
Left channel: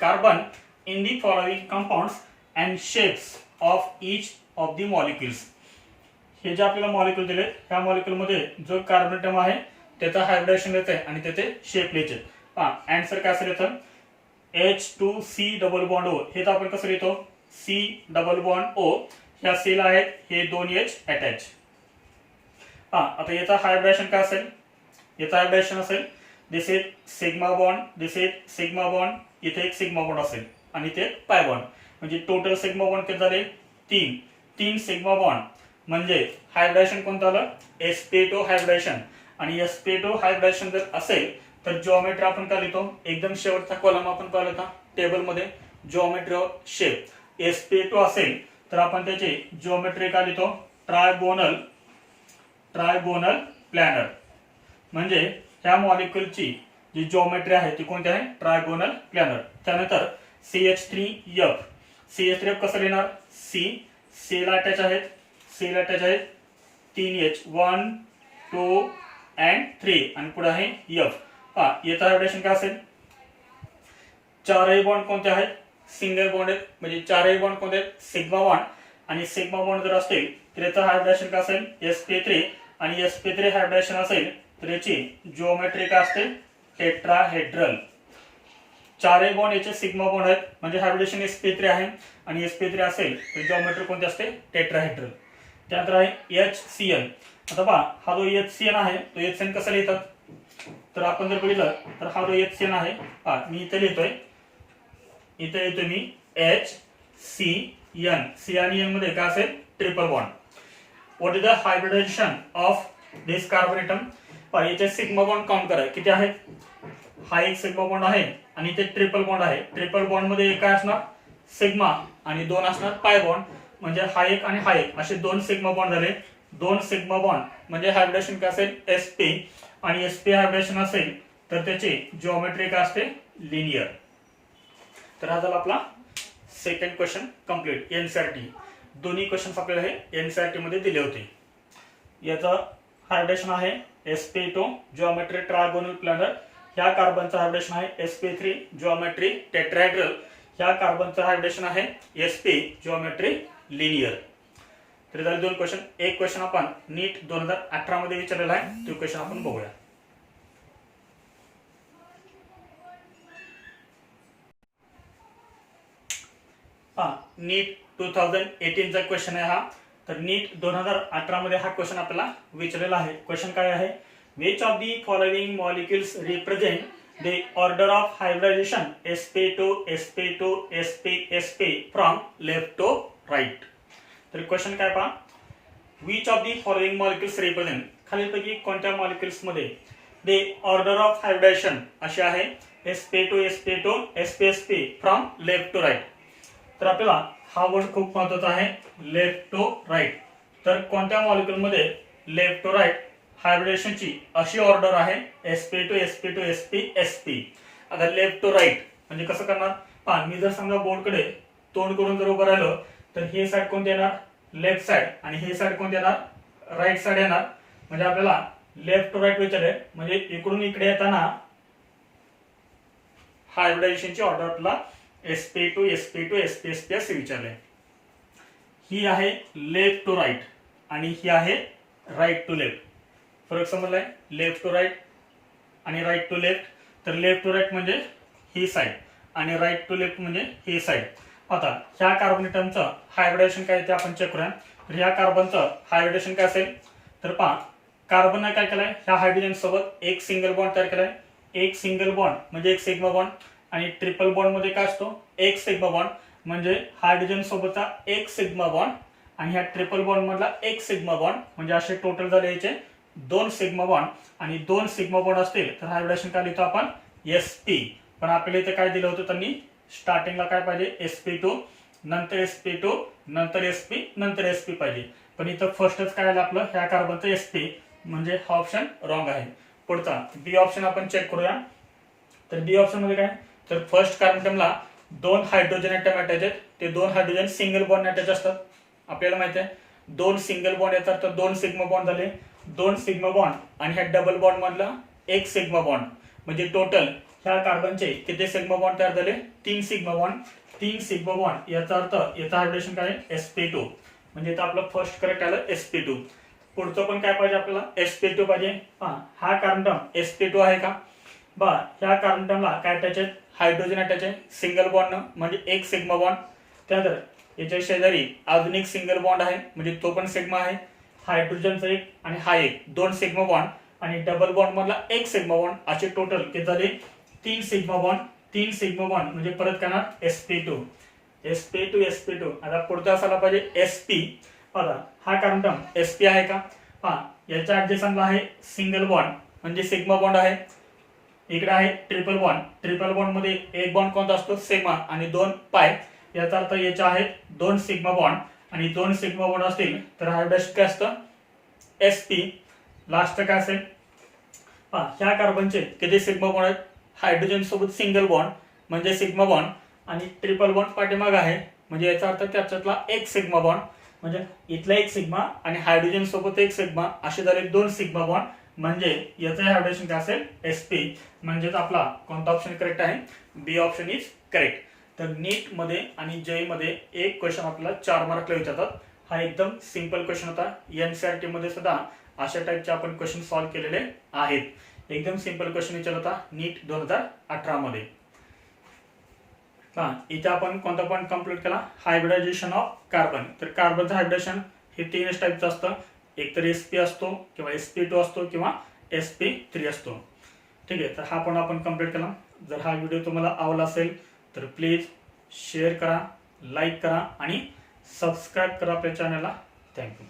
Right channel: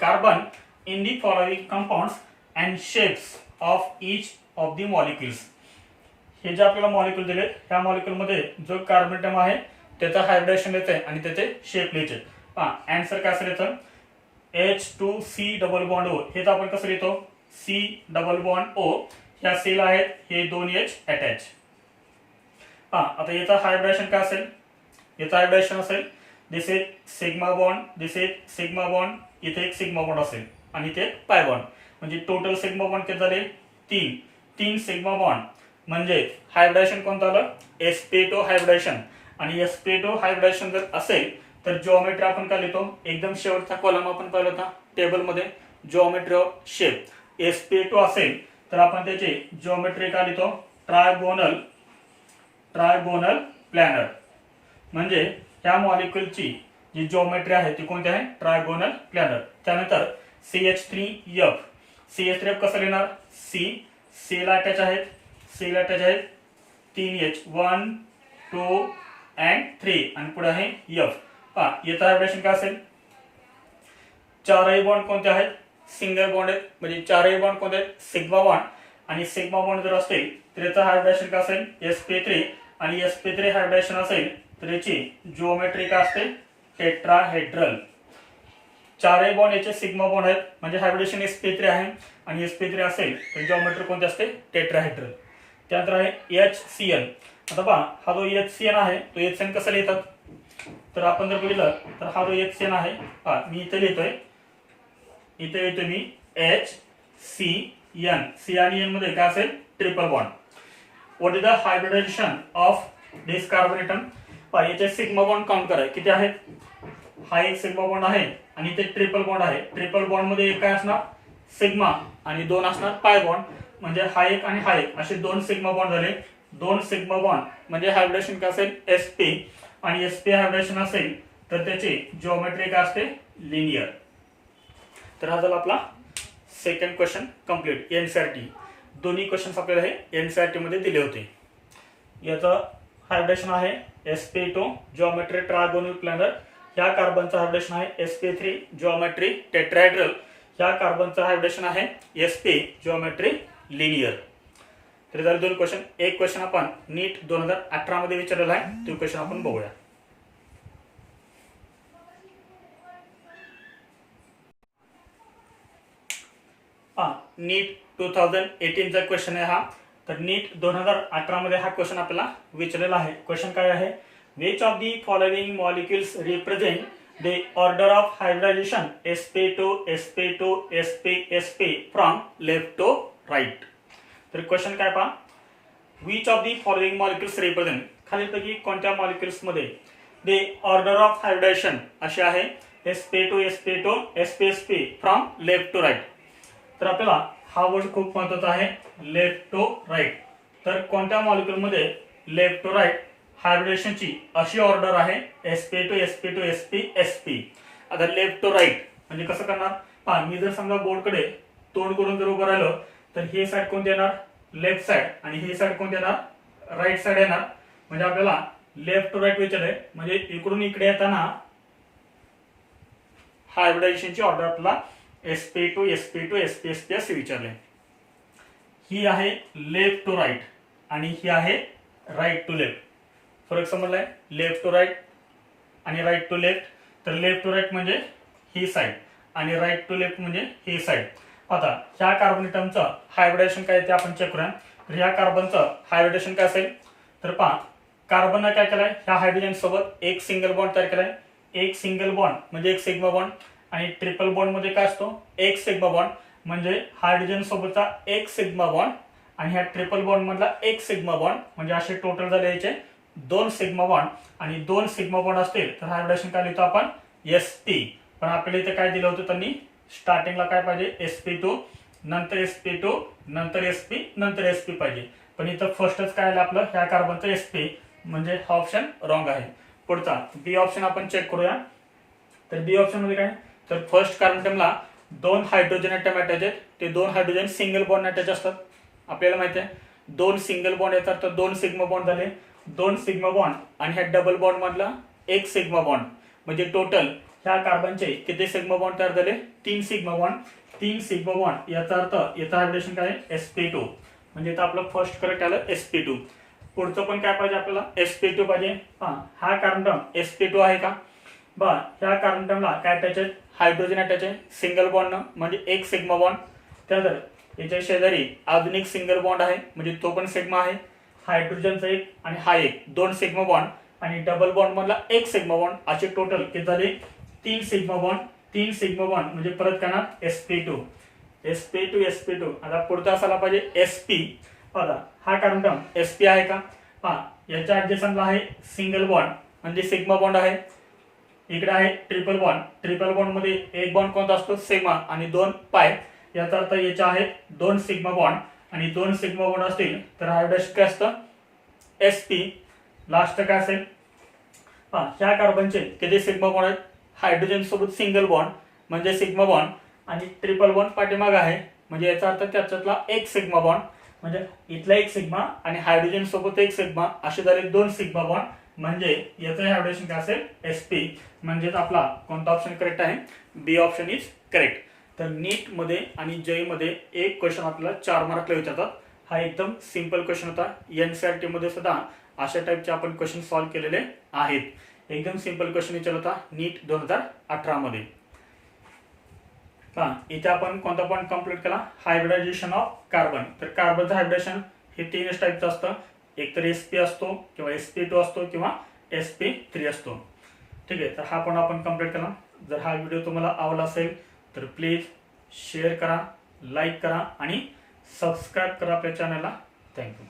carbon in the following compounds and shapes of each of the molecules हे जे आपल्याला मॉलिक्यूल दिले ह्या मॉलिक्यूल मध्ये जो कार्बन अटॉम आहे त्याचा हायब्रिडेशन लिहायचं आहे आणि त्याचे शेप लिहायचे आन्सर काय असेल इथं H2C डबल बॉन्ड O हे तर आपण कसं लिहितो C डबल बॉन्ड O ह्या C ला आहेत हे 2H अटॅच आता याचा हायब्रिडेशन काय असेल याचा हायब्रिडेशन असेल this is sigma bond this is sigma bond इथे एक सिग्मा बॉन्ड असेल आणि इथे एक पाय बॉन्ड म्हणजे टोटल सिग्मा बॉन्ड किती झाले 3 सिग्मा बॉन्ड म्हणजे हायब्रिडेशन कोणतं आलं sp2 हायब्रिडेशन आणि sp2 हायब्रिडेशन जर असेल तर जिओमेट्री आपण काय लिहितो एकदम शेवटचा कॉलम आपण पाहिला होता टेबल मध्ये जिओमेट्री ऑफ शेप sp2 असेल तर आपण त्याची जिओमेट्री काय लिहितो ट्रायगोनल प्लॅनर म्हणजे ह्या मॉलिक्यूलची जी जिओमेट्री आहे ती कोणती आहे ट्रायगोनल प्लॅनर त्यानंतर CH3F कसं लिहिणार C ला अटॅच आहेत 3H 1 2 and 3 आणि पुढे आहे F याचा हायब्रिडेशन काय असेल चारही बॉन्ड कोणते आहेत सिंगल बॉन्ड आहेत म्हणजे चारही बॉन्ड कोणते आहेत सिग्मा बॉन्ड आणि सिग्मा बॉन्ड जर असतील तर याचा हायब्रिडेशन काय असेल sp3 आणि sp3 हायब्रिडेशन असेल तर याची जिओमेट्री काय असते टेट्राहेड्रल चारही बॉन्ड याचे सिग्मा बॉन्ड आहेत म्हणजे हायब्रिडेशन sp3 आहे आणि sp3 असेल तर जिओमेट्री कोणती असते टेट्राहेड्रल त्यानंतर आहे HCl आता पहा हा जो HCl आहे तो HCl कसा लिहितात तर आपण जर बघितलं तर हा जो HCl आहे मी इथे लिहितोय इथे येतोय मी HCN C आणि N मध्ये काय असेल triple bond what is the hybridization of this carbon atom याचे सिग्मा बॉन्ड काउंट करा किती आहेत हा एक सिग्मा बॉन्ड आहे आणि इथे ट्रिपल बॉन्ड आहे ट्रिपल बॉन्ड मध्ये एक काय असणार सिग्मा आणि 2 असणार पाय बॉन्ड म्हणजे हा एक आणि हा एक असे 2 सिग्मा बॉन्ड झाले 2 सिग्मा बॉन्ड म्हणजे हायब्रिडेशन काय असेल sp आणि sp हायब्रिडेशन असेल तर त्याची जिओमेट्री काय असते लिनियर तर हा झाला आपला सेकंड क्वेश्चन कंप्लीट एनसीईआरटी दोन्ही क्वेश्चन्स आपल्याला हे एनसीईआरटी मध्ये दिले होते याचं हायब्रिडेशन आहे sp2 जिओमेट्री ट्रायगोनल प्लॅनर ह्या कार्बनचा हायब्रिडेशन आहे sp3 जिओमेट्री टेट्राहेड्रल ह्या कार्बनचा हायब्रिडेशन आहे sp जिओमेट्री लिनियर तर झाले 2 क्वेश्चन एक क्वेश्चन आपण नीट 2018 मध्ये विचारलेला आहे तो क्वेश्चन आपण बघूया नीट 2018 चा क्वेश्चन आहे हा तर नीट 2018 मध्ये हा क्वेश्चन आपल्याला विचारलेला आहे क्वेश्चन काय आहे which of the following molecules represent the order of hybridization sp2 sp2 sp sp from left to right तर क्वेश्चन काय पहा which of the following molecules represent खालीलपैकी कोणत्या मॉलिक्युल्स मध्ये the order of hybridization अशी आहे sp2 sp2 sp sp from left to right तर आपल्याला हा वर्ड खूप महत्त्वाचा आहे लेफ्ट टू राईट तर कोणत्या मॉलिक्यूल मध्ये लेफ्ट टू राईट हायब्रिडेशन ची अशी ऑर्डर आहे sp2 sp2 sp sp आता लेफ्ट टू राईट म्हणजे कसं करणार पहा मी जर समजा बोर्ड कडे तोंड करून जर उभं राहिलो तर हे साइड कोणती येणार लेफ्ट साइड आणि हे साइड कोणती येणार राईट साइड येणार म्हणजे आपल्याला लेफ्ट टू राईट विचारले म्हणजे इकडून इकडे येताना हायब्रिडायझेशनची ऑर्डर आपल्याला sp2 sp2 sp sp असे विचारले. ही आहे लेफ्ट टू राईट आणि ही आहे राईट टू लेफ्ट. फरक समजलाय? लेफ्ट टू राईट आणि राईट टू लेफ्ट. तर लेफ्ट टू राईट म्हणजे ही साईड आणि राईट टू लेफ्ट म्हणजे ही साईड. आता ह्या कार्बन एटमचं हायब्रिडायझेशन काय ते आपण चेक करूया. तर ह्या कार्बनचं हायब्रिडायझेशन काय असेल तर पहा, कार्बनने काय केलंय, ह्या हायड्रोजन सोबत एक सिंगल बॉन्ड तयार केलाय. एक सिंगल बॉन्ड म्हणजे एक सिग्मा बॉन्ड आणि ट्रिपल बॉन्ड मध्ये काय असतो, एक सिग्मा बॉन्ड म्हणजे हायड्रोजन सोबतचा एक सिग्मा बॉन्ड आणि ह्या ट्रिपल बॉन्ड मधला एक सिग्मा बॉन्ड म्हणजे असे टोटल झाले याचे दोन सिग्मा बॉन्ड. आणि दोन सिग्मा बॉन्ड असतील तर हायब्रिडायझेशन काय लिहितो आपण sp. पण आपल्याला इथे काय दिलं होतं त्यांनी स्टार्टिंगला काय पाहिजे sp2 नंतर sp2 नंतर sp नंतर sp पाहिजे. पण इथं फर्स्टच काय आलं आपलं ह्या कार्बनचं sp म्हणजे हा ऑप्शन रॉंग आहे. पुढचा बी ऑप्शन आपण चेक करूया. तर बी ऑप्शन मध्ये काय, तर फर्स्ट कार्बनला दोन हायड्रोजन ऍटम अटॅच आहेत. ते दोन हायड्रोजन सिंगल बॉन्ड अटॅच असतात. आपल्याला माहिती आहे दोन सिंगल बॉन्ड येतात तर दोन सिग्मा बॉन्ड झाले. दोन सिग्मा बॉन्ड आणि ह्या डबल बॉन्ड मधला एक सिग्मा बॉन्ड म्हणजे टोटल ह्या कार्बनचे किती सिग्मा बॉन्ड तयार झाले, तीन सिग्मा बॉन्ड. तीन सिग्मा बॉन्ड याचा अर्थ याचं हायब्रिडेशन काय sp2 म्हणजे इथं आपलं फर्स्ट करेक्ट आलं sp2. पुढचं पण काय पाहिजे आपल्याला sp2 पाहिजे. हा कार्बन sp2 आहे का बा, ह्या कार्बनला काय अटॅच आहे, हायड्रोजन अटॅच आहे सिंगल बॉन्ड म्हणजे एक सिग्मा बॉन्ड. त्यानंतर याच्या शेजारी अजून एक सिंगल बॉन्ड आहे म्हणजे तो पण सिग्मा आहे. हायड्रोजनचा एक आणि हा एक दोन सिग्मा बॉन्ड आणि डबल बॉन्ड मधला एक सिग्मा बॉन्ड असे टोटल किती झाले, तीन सिग्मा बॉन्ड. तीन सिग्मा बॉन्ड म्हणजे परत करणार sp2 sp2 sp2. आता पुढचा असायला पाहिजे sp. बघा हा कार्बन sp आहे का, याच्या ऍडजस्टला आहे सिंगल बॉन्ड म्हणजे सिग्मा बॉन्ड आहे. इकडे आहे ट्रिपल बॉन्ड. ट्रिपल बॉन्ड मध्ये एक बॉन्ड कोणता असतो सिग्मा आणि दोन पाय. याचा अर्थ याच्या आहेत दोन सिग्मा बॉन्ड आणि दोन सिग्मा बॉन्ड असतील तर हायब्रिडायझेशन काय असतं sp. लास्ट काय असेल, ह्या कार्बनचे किती सिग्मा बॉन्ड आहेत, हायड्रोजन सोबत सिंगल बॉन्ड म्हणजे सिग्मा बॉन्ड आणि ट्रिपल बॉन्ड पाठीमाग आहे म्हणजे याचा अर्थ त्याच्यातला एक सिग्मा बॉन्ड म्हणजे इथला एक सिग्मा आणि हायड्रोजन सोबत एक सिग्मा असे झाले दोन सिग्मा बॉन्ड म्हणजे याचं हायब्रिडेशन काय असेल sp. म्हणजेच आपला कोणता ऑप्शन करेक्ट आहे, बी ऑप्शन इज करेक्ट. तर नीट मध्ये आणि जय मध्ये एक क्वेश्चन आपल्याला 4 मार्कला विचारतात. हा एकदम सिंपल क्वेश्चन होता. एनसीईआरटी मध्ये सुद्धा अशा टाइपचे आपण क्वेश्चन सॉल्व्ह केलेले आहेत. एकदम सिंपल क्वेश्चन विचारला होता नीट 2018 मध्ये. इथे आपण कोणता पॉईंट कंप्लीट केला, हायब्रिडायझेशन ऑफ कार्बन. तर कार्बनचं हायब्रिडेशन हे तीनच टाइपचं असतं. एक तर sp असतो किंवा sp2 असतो किंवा sp3 असतो. ठीक आहे, तर हा पण आपण कंप्लीट केला. जर हा व्हिडिओ तुम्हाला आवडला असेल तर प्लीज शेअर करा, लाईक करा आणि सबस्क्राईब करा आपल्या चॅनलला. थँक्यू.